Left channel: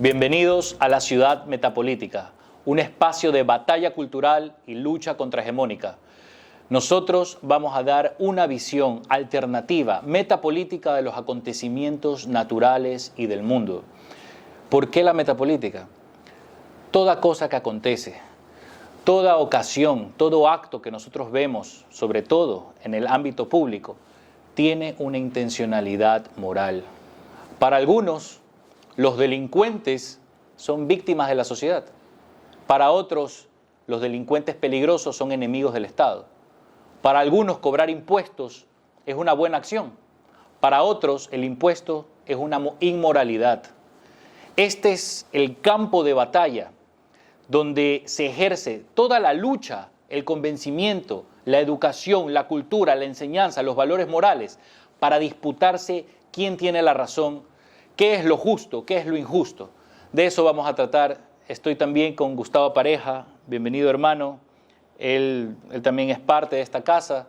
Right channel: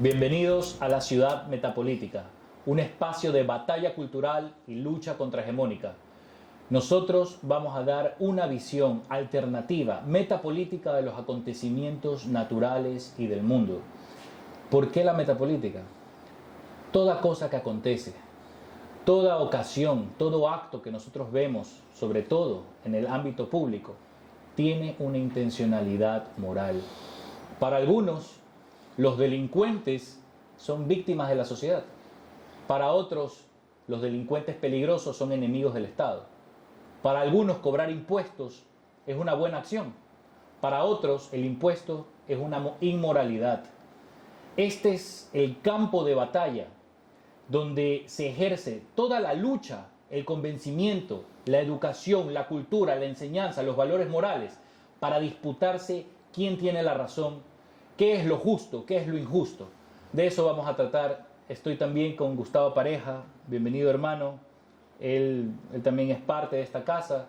Bienvenidos a la Ciudad Metapolítica, un espacio de batalla cultural y lucha contrahegemónica. Nosotros vamos a dar una visión alternativa, metapolítica de los acontecimientos naturales y del mundo. ¿Por qué la metapolítica? Toda cosa que acontece, toda ocasión, todo acto que nosotros vemos, sobre todo en el ámbito público, tiene una intencionalidad moral. Para algunos, los delincuentes son víctimas de la sociedad. Para otros, los delincuentes peligrosos son enemigos del Estado. Para algunos, cobrar impuestos es una buena acción. Para otros, el impuesto es una inmoralidad. Este es el campo de batalla donde se ejerce toda la lucha, el convencimiento, la educación, la cultura, la enseñanza, los valores morales, para disputarse quién tiene la razón, qué es lo justo, qué es lo injusto. De eso vamos a tratar. Estoy también con Gustavo Pareja. Bienvenido, hermano. Él también es parte de esta casa.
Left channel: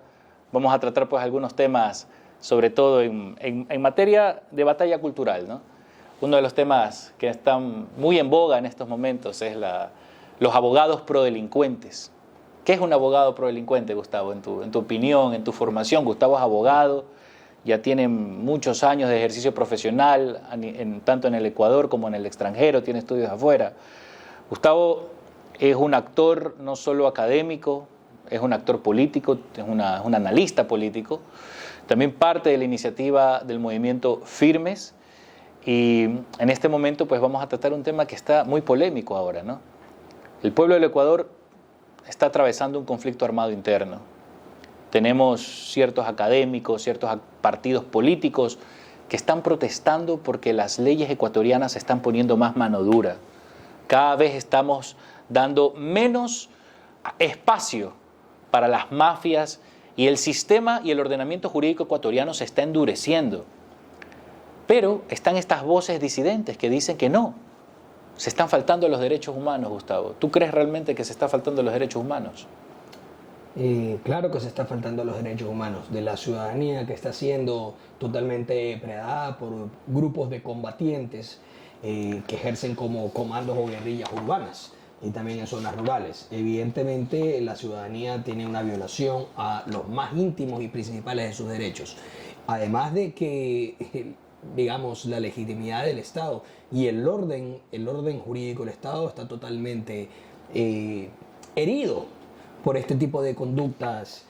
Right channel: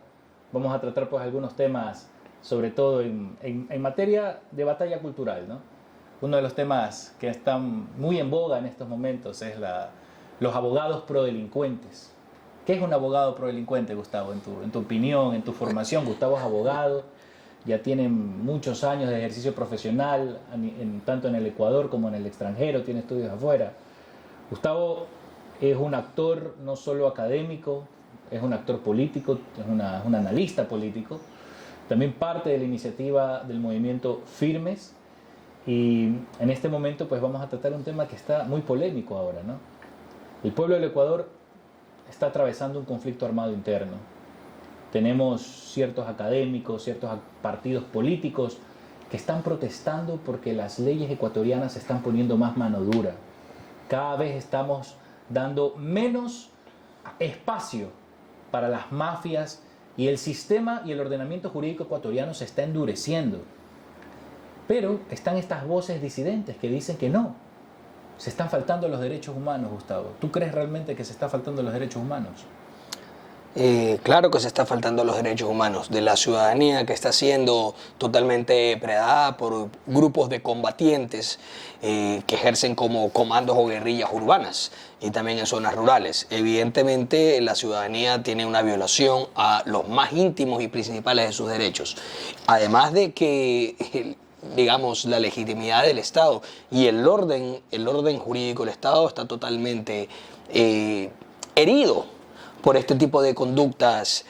Vamos a tratar pues algunos temas, sobre todo en materia de batalla cultural, ¿no? Uno de los temas que están muy en boga en estos momentos es los abogados prodelincuentes. ¿Qué es un abogado prodelincuente, Gustavo? En tu opinión, en tu formación. Gustavo es abogado, ya tiene muchos años de ejercicio profesional, tanto en el Ecuador como en el extranjero, tiene estudios afuera. Gustavo es un actor no solo académico, es un actor político, es un analista político, también parte de la iniciativa del movimiento Firmes, y en este momento pues vamos a tratar un tema que está muy polémico ahora, ¿no? El pueblo del Ecuador está atravesando un conflicto armado interno. Tenemos ciertos académicos, ciertos partidos políticos que están protestando porque las leyes ecuatorianas se están poniendo más mano dura. Cada vez estamos dando menos espacio para las mafias y el sistema y el ordenamiento jurídico ecuatoriano se está endureciendo. Pero están estas voces disidentes que dicen que no, se están faltando los derechos humanos, Gustavo. ¿Tú crees realmente que se está faltando los derechos humanos? Claro que se está faltando los derechos humanos de la ciudadanía, que está siendo totalmente predada por grupos de combatientes que ejercen como comandos o guerrillas urbanas y también en zonas rurales. Evidentemente la ciudadanía tiene una violación a los más íntimos y principales de sus derechos. Además de que digamos, la legitimidad del Estado y el orden jurídico del Estado está totalmente herido por este tipo de conductas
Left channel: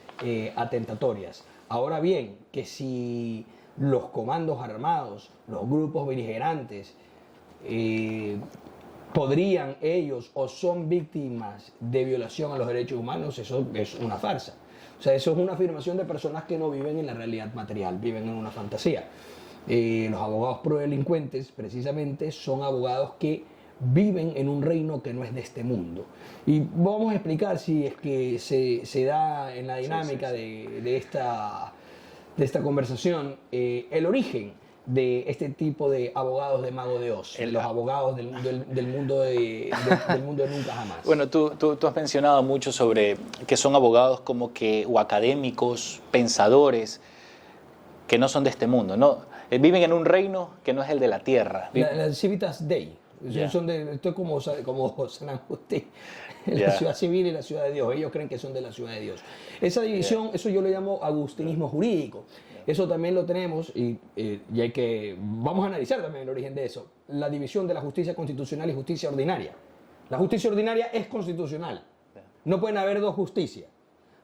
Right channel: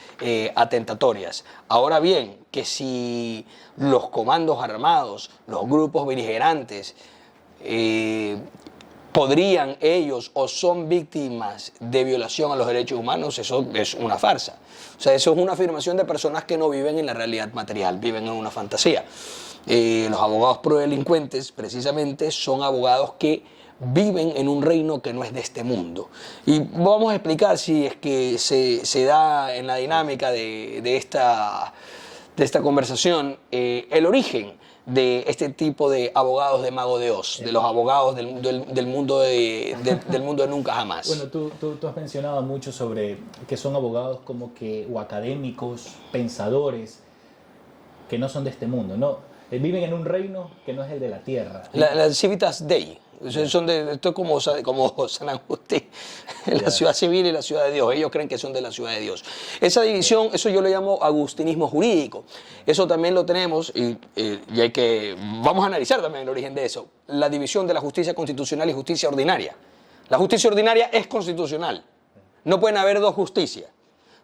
atentatorias. Ahora bien, que si los comandos armados, los grupos beligerantes, podrían ellos o son víctimas de violación a los derechos humanos, eso es una farsa. O sea, eso es una afirmación de personas que no viven en la realidad material, viven en una fantasía. Los abogados prodelincuentes, precisamente, son abogados que viven en un reino que no es de este mundo. Y vamos a explicar si es que se da en la dinámica de esta conversación el origen de este tipo de abogados de Mago de Oz, de los abogados del mundo de nunca jamás. Bueno, tú has mencionado mucho sobre que son abogados como que, o académicos, pensadores, que no son de este mundo, ¿no? Viven en un reino que no es el de la tierra. Las Civitas Dei. Son esto es como San Agustín, la ciudad civil y la ciudad de Dios. Ellos creen que son de la ciudad de Dios. Esa división, eso yo lo llamo agustinismo jurídico. Eso también lo tenemos y vamos a analizar también el origen de eso. La división de la justicia constitucional y justicia ordinaria. La justicia ordinaria es constitucional. No pueden haber dos justicias.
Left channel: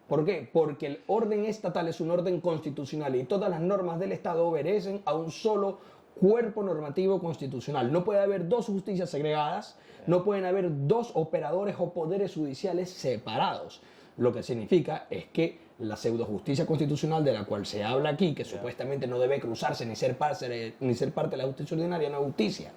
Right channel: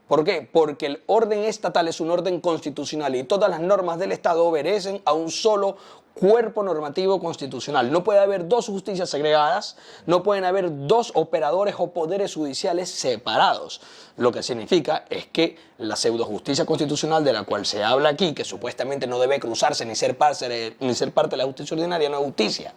¿Por qué? Porque el orden estatal es un orden constitucional y todas las normas del Estado obedecen a un solo cuerpo normativo constitucional. No puede haber dos justicias segregadas, no pueden haber dos operadores o poderes judiciales separados. Lo que significa es que la pseudojusticia constitucional de la cual se habla aquí, que supuestamente no debe cruzarse ni ser parte de la justicia ordinaria, no es justicia.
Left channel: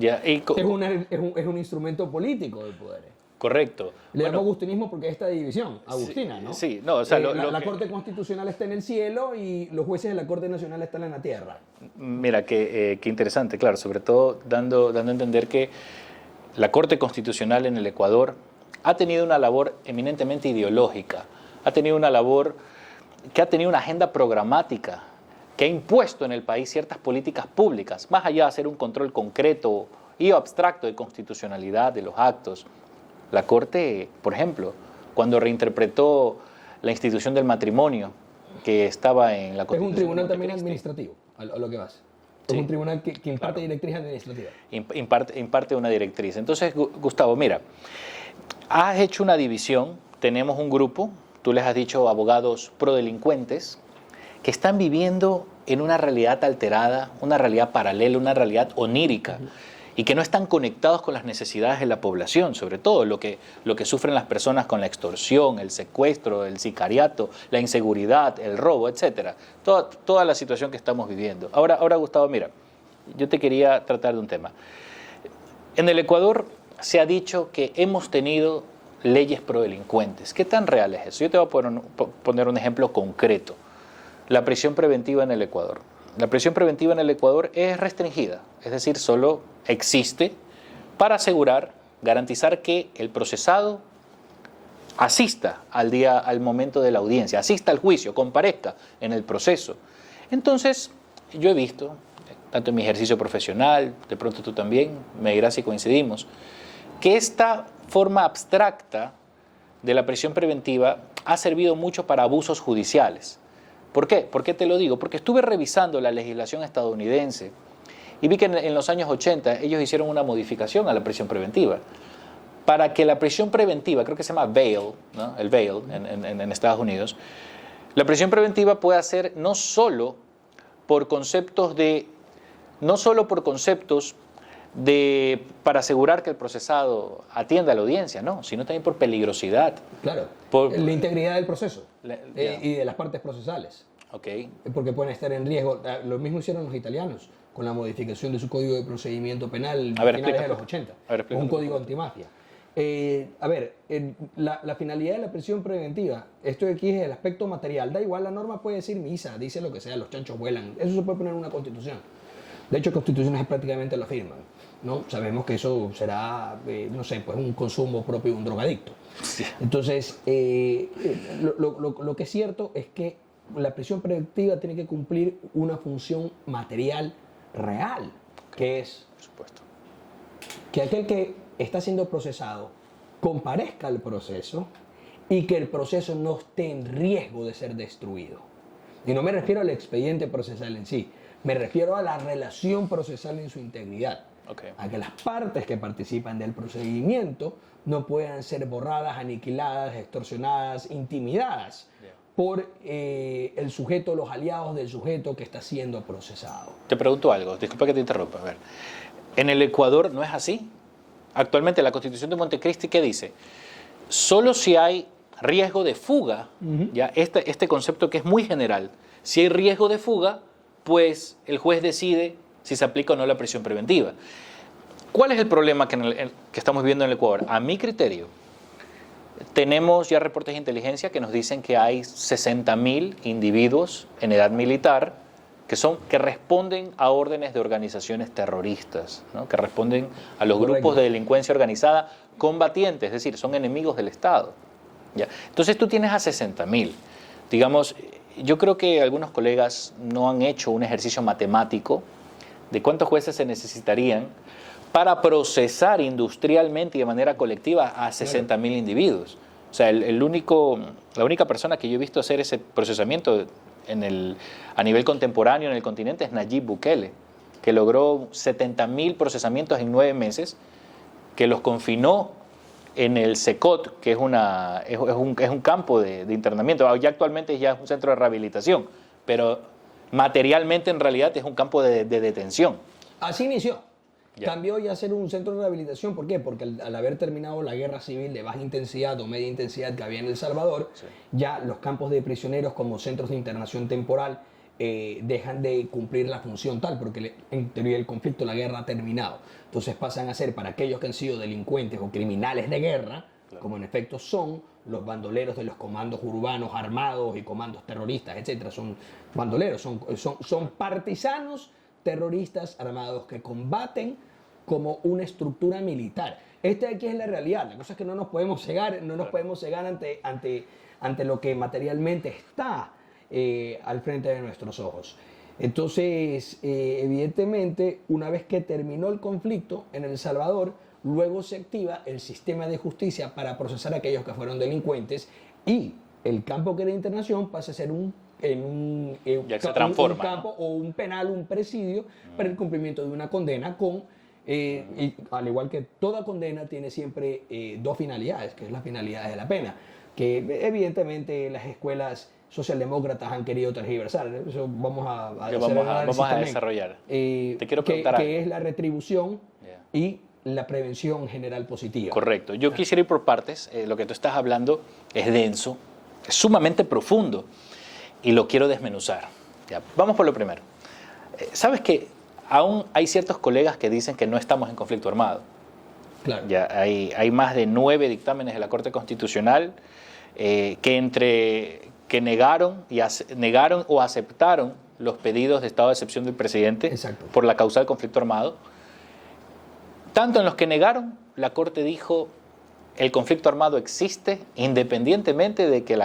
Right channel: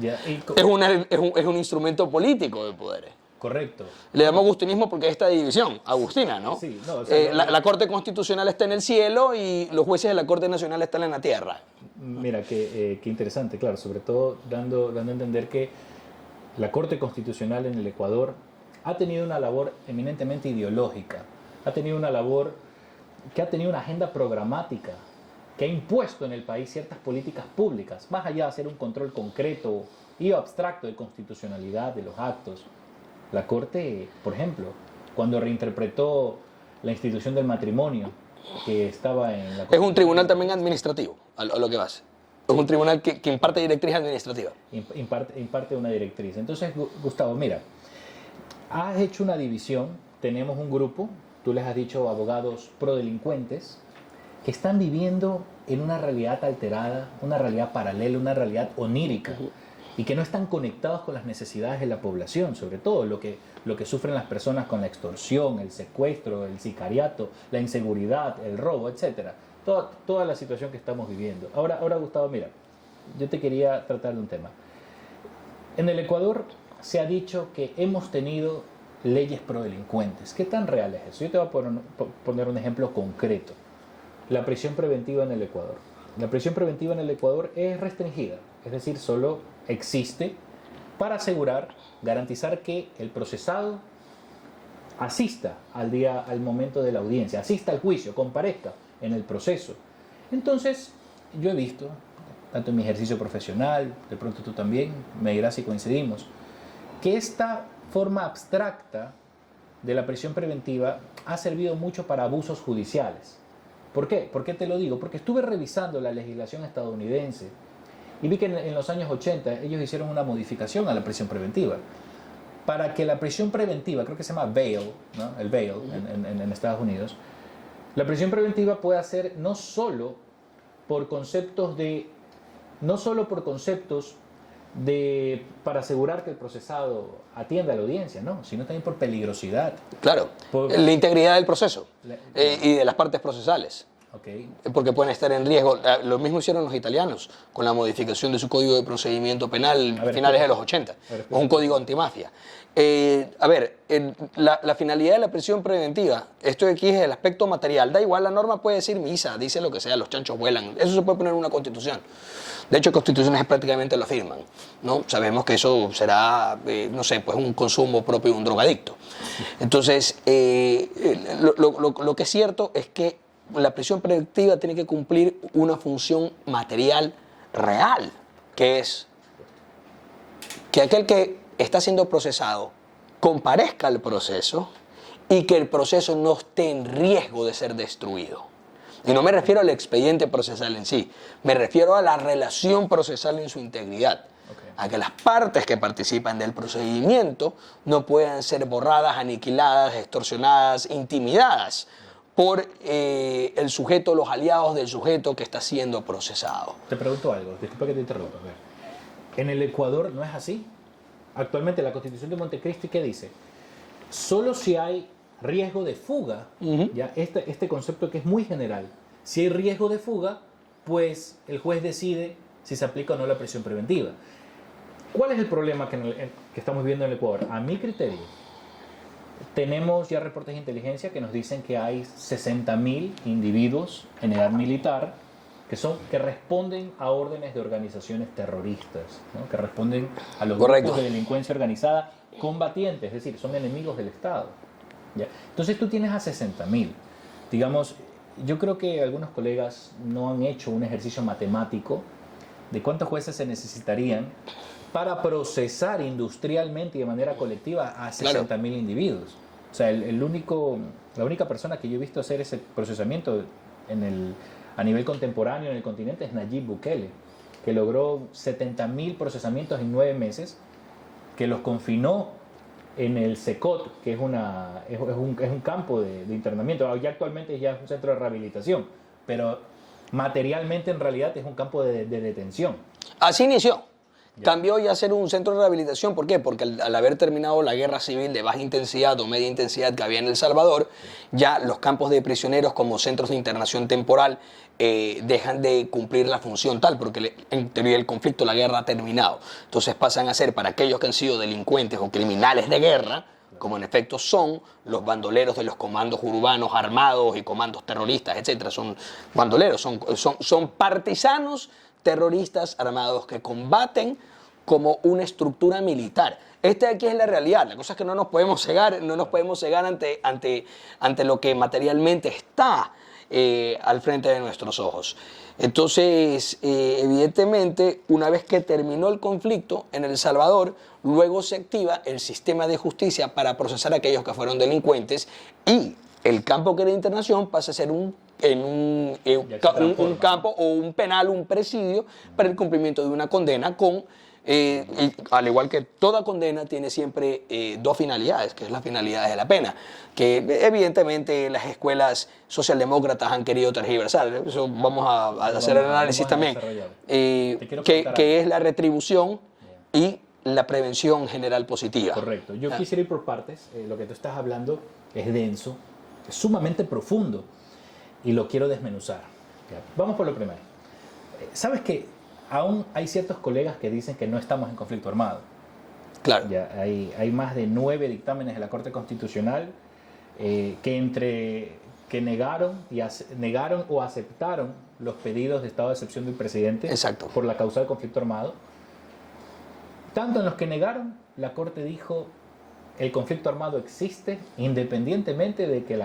Es un instrumento político de poderes. Correcto. Le llamamos agustinismo porque esta división, agustina, ¿no? Sí, no, o sea, la Corte Constitucional está en el cielo y los jueces de la Corte Nacional están en la tierra. Mira, qué interesante, claro, sobre todo dando a entender que la Corte Constitucional en el Ecuador ha tenido una labor eminentemente ideológica, ha tenido una labor que ha tenido una agenda programática, que ha impuesto en el país ciertas políticas públicas, más allá de hacer un control concreto y abstracto de constitucionalidad de los actos. La Corte, por ejemplo, cuando reinterpretó la institución del matrimonio que estaba en la Constitución. Es un tribunal también administrativo, a lo que vas. Es un tribunal que imparte directriz administrativa. Imparte una directriz. Entonces, Gustavo, mira, has hecho una división. Tenemos un grupo, tú les has dicho abogados prodelincuentes, que están viviendo en una realidad alterada, una realidad paralela, una realidad onírica, y que no están conectados con las necesidades de la población, sobre todo lo que sufren las personas con la extorsión, el secuestro, el sicariato, la inseguridad, el robo, etc. Toda la situación que estamos viviendo. Ahora, Gustavo, mira, yo te quería tratar de un tema. En el Ecuador se ha dicho que hemos tenido leyes prodelincuentes. ¿Qué tan real es eso? Yo te voy a poner un ejemplo concreto. La prisión preventiva en el Ecuador. La prisión preventiva en el Ecuador es restringida, es decir, solo existe para asegurar, garantizar que el procesado asista al momento de la audiencia, asista al juicio, comparezca en el proceso. Entonces, yo he visto, tanto en mi ejercicio profesional, de pronto tú también, me dirás si coincidimos, que esta forma abstracta de la prisión preventiva ha servido mucho para abusos judiciales. ¿Por qué? ¿Por qué te lo digo? Porque estuve revisando la legislación estadounidense y vi que en los años 80 ellos hicieron una modificación a la prisión preventiva. Para que la prisión preventiva, creo que se llama bail, ¿no? El bail en Estados Unidos, la prisión preventiva puede ser no solo por conceptos para asegurar que el procesado atienda a la audiencia, no, sino también por peligrosidad. Claro, por la integridad del proceso y de las partes procesales. Okay. Porque pueden estar en riesgo. Lo mismo hicieron los italianos con la modificación de su código de procedimiento penal a finales de los 80. Es un código antimafia. La finalidad de la prisión preventiva, esto de aquí es el aspecto material. Da igual, la norma puede decir misa, dice lo que sea, los chanchos vuelan. Eso se puede poner en una constitución. De hecho, constituciones prácticamente lo afirman, ¿no? Sabemos que eso será, no sé, pues un consumo propio de un drogadicto. Sí. Entonces, lo que es cierto es que la prisión preventiva tiene que cumplir una función material real, que es que aquel que está siendo procesado comparezca al proceso y que el proceso no esté en riesgo de ser destruido. Y no me refiero al expediente procesal en sí, me refiero a la relación procesal en su integridad. Okay. A que las partes que participan del procedimiento no puedan ser borradas, aniquiladas, extorsionadas, intimidadas por el sujeto, los aliados del sujeto que está siendo procesado. Te pregunto algo, disculpa que te interrumpa. A ver, ¿en el Ecuador no es así? Actualmente la Constitución de Montecristi, ¿qué dice? Solo si hay riesgo de fuga, ¿ya? Este concepto que es muy general, si hay riesgo de fuga, pues el juez decide si se aplica o no la prisión preventiva. ¿Cuál es el problema que estamos viviendo en el Ecuador? A mi criterio, tenemos ya reportes de inteligencia que nos dicen que hay 60.000 individuos en edad militar que responden a órdenes de organizaciones terroristas, ¿no? Que responden a los grupos de delincuencia organizada combatientes, es decir, son enemigos del Estado. ¿Ya? Entonces tú tienes a 60.000. Digamos, yo creo que algunos colegas no han hecho un ejercicio matemático de cuántos jueces se necesitarían para procesar industrialmente y de manera colectiva a 60.000 individuos. O sea, la única persona que yo he visto hacer ese procesamiento a nivel contemporáneo en el continente es Nayib Bukele, que logró 70.000 procesamientos en 9 meses, que los confinó en el SECOT, que es un campo de internamiento. Ya actualmente ya es un centro de rehabilitación, pero materialmente en realidad es un campo de detención. Así inició. Cambió ya a ser un centro de rehabilitación. ¿Por qué? Porque al haber terminado la guerra civil de baja intensidad o media intensidad que había en El Salvador, ya los campos de prisioneros como centros de internación temporal dejan de cumplir la función tal, porque en teoría el conflicto, la guerra ha terminado. Entonces pasan a ser, para aquellos que han sido delincuentes o criminales de guerra, como en efecto son los bandoleros de los comandos urbanos armados y comandos terroristas, etcétera. Son bandoleros, son partisanos terroristas armados que combaten como una estructura militar. Esta aquí es la realidad. La cosa es que no nos podemos cegar, ante lo que materialmente está al frente de nuestros ojos. Entonces, evidentemente, una vez que terminó el conflicto en El Salvador, luego se activa el sistema de justicia para procesar a aquellos que fueron delincuentes y el campo que era internación pasa a ser un campo o un penal, un presidio para el cumplimiento de una condena con, y al igual que toda condena, tiene siempre dos finalidades, que es la finalidad de la pena, que evidentemente las escuelas socialdemócratas han querido tergiversar. Eso vamos a hacer el análisis también. Que es la retribución y la prevención general positiva. Correcto. Yo quisiera ir por partes. Lo que tú estás hablando es denso, es sumamente profundo y lo quiero desmenuzar. Ya, vamos por lo primero. ¿Sabes que aún hay ciertos colegas que dicen que no estamos en conflicto armado? Claro. Ya hay más de 9 dictámenes de la Corte Constitucional que negaron o aceptaron los pedidos de estado de excepción del presidente. Exacto. Por la causa del conflicto armado. Tanto en los que negaron, la Corte dijo el conflicto armado existe independientemente de que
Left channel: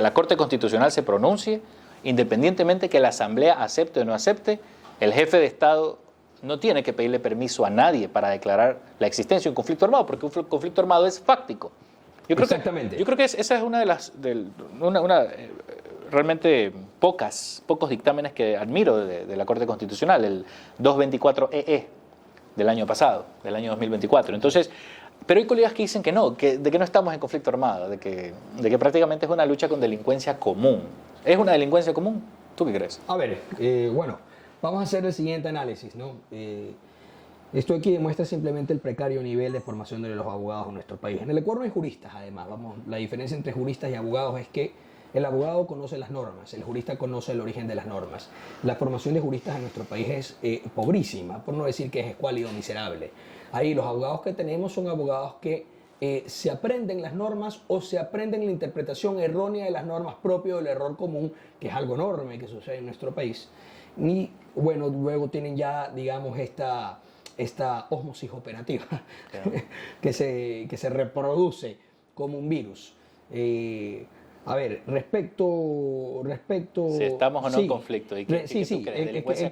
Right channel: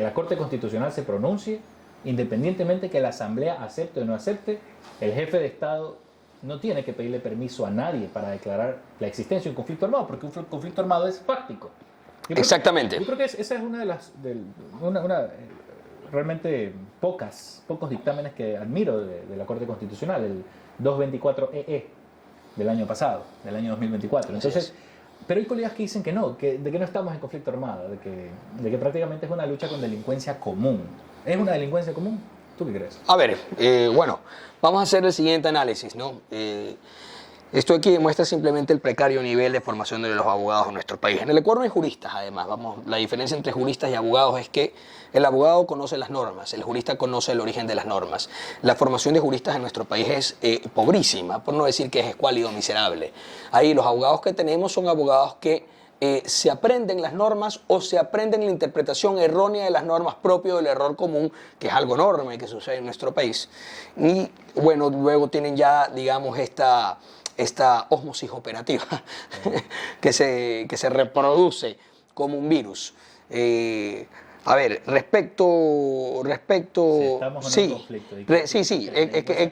la Corte Constitucional se pronuncie, independientemente que la Asamblea acepte o no acepte, el jefe de Estado no tiene que pedirle permiso a nadie para declarar la existencia de un conflicto armado, porque un conflicto armado es fáctico. Exactamente. Yo creo que esa es una de las realmente pocos dictámenes que admiro de la Corte Constitucional, el 224EE del año pasado, del año 2024. Entonces, pero hay colegas que dicen que no, de que no estamos en conflicto armado, de que prácticamente es una lucha con delincuencia común. ¿Es una delincuencia común? ¿Tú qué crees? A ver, bueno, vamos a hacer el siguiente análisis, ¿no? Esto aquí demuestra simplemente el precario nivel de formación de los abogados en nuestro país. En el Ecuador no hay juristas, además. La diferencia entre juristas y abogados es que el abogado conoce las normas, el jurista conoce el origen de las normas. La formación de juristas en nuestro país es pobrísima, por no decir que es escuálido, miserable. Ahí los abogados que tenemos son abogados que se aprenden las normas o se aprenden la interpretación errónea de las normas propio del error común, que es algo enorme que sucede en nuestro país. Y bueno, luego tienen ya, digamos, esta ósmosis operativa que se reproduce como un virus. A ver, respecto... Si estamos en un conflicto. Esto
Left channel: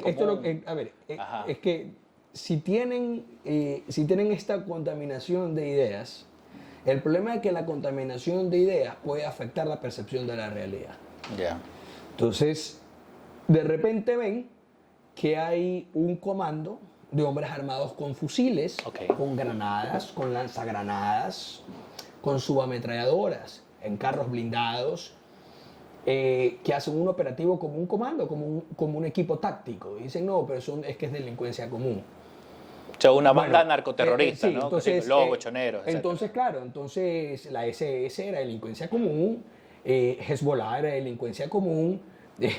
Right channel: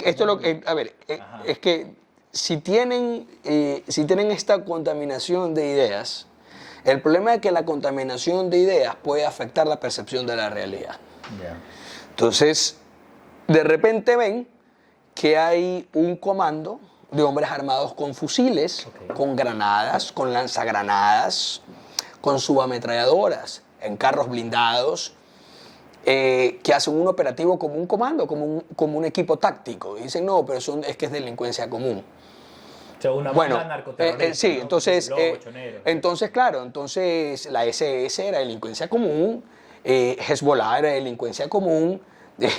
es lo que... A ver, es que si tienen esta contaminación de ideas, el problema es que la contaminación de ideas puede afectar la percepción de la realidad. Yeah. Entonces, de repente ven que hay un comando de hombres armados con fusiles, con granadas, con lanzagranadas, con subametralladoras, en carros blindados, que hacen un operativo como un comando, como un equipo táctico. Y dicen, no, pero es que es delincuencia común. O sea, una banda narcoterrorista, sí, ¿no? Entonces, entonces, claro, la SS era delincuencia común, Hezbollah era delincuencia común,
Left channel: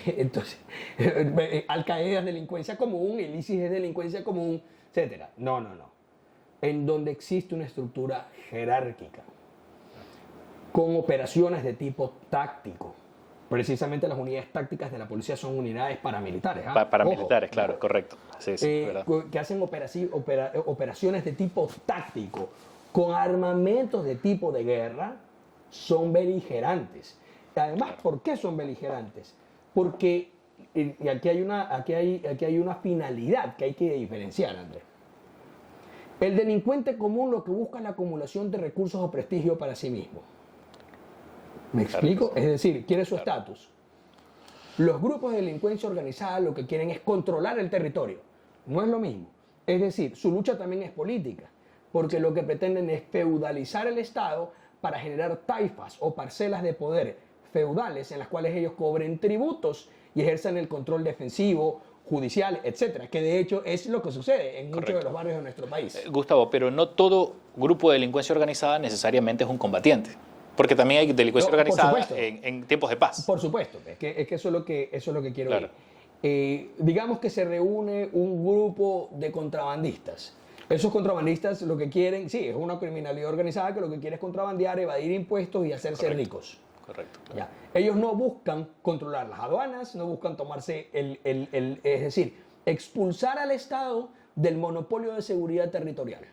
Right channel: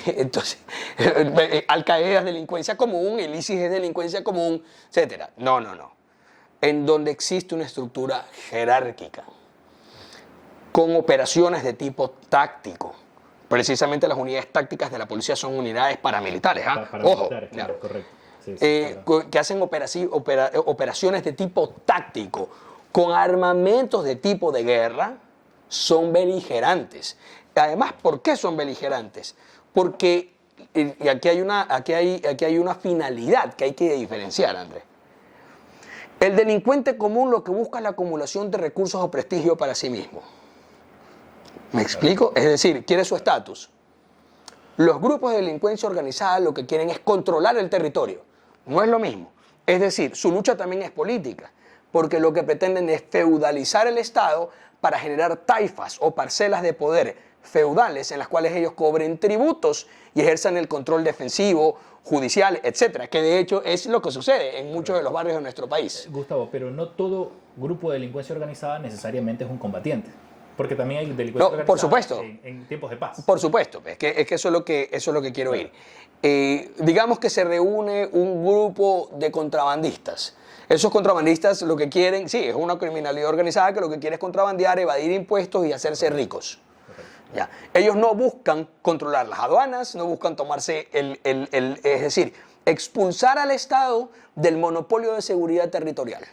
entonces, Al-Qaeda es delincuencia común, el ISIS es delincuencia común, etc. No. En donde existe una estructura jerárquica, con operaciones de tipo táctico. Precisamente las unidades tácticas de la policía son unidades paramilitares. Paramilitares, claro, correcto. Sí, que hacen operaciones de tipo táctico, con armamentos de tipo de guerra, son beligerantes. Además, ¿por qué son beligerantes? Porque aquí hay una finalidad que hay que diferenciar, Andrés. El delincuente común lo que busca es la acumulación de recursos o prestigio para sí mismo. ¿Me explico? Es decir, quiere su estatus. Los grupos de delincuencia organizada lo que quieren es controlar el territorio. No es lo mismo. Es decir, su lucha también es política, porque lo que pretenden es feudalizar el Estado para generar taifas o parcelas de poder feudales en las cuales ellos cobren tributos y ejerzan el control defensivo, judicial, etcétera, que de hecho es lo que sucede en muchos de los barrios de nuestro país. Gustavo, pero no todo grupo de delincuencia organizada necesariamente es un combatiente. Porque también hay delincuencia organizada por supuesto. En tiempos de paz. Por supuesto, es que eso es lo que quiero ir. Digamos que se reúne un grupo de contrabandistas. Esos contrabandistas lo que quieren, sí, es una criminalidad organizada que lo que quiere es contrabandear, evadir impuestos y hacerse ricos. Correcto. Ya. Ellos no buscan controlar las aduanas, no buscan tomarse es decir, expulsar al Estado del monopolio de seguridad territorial.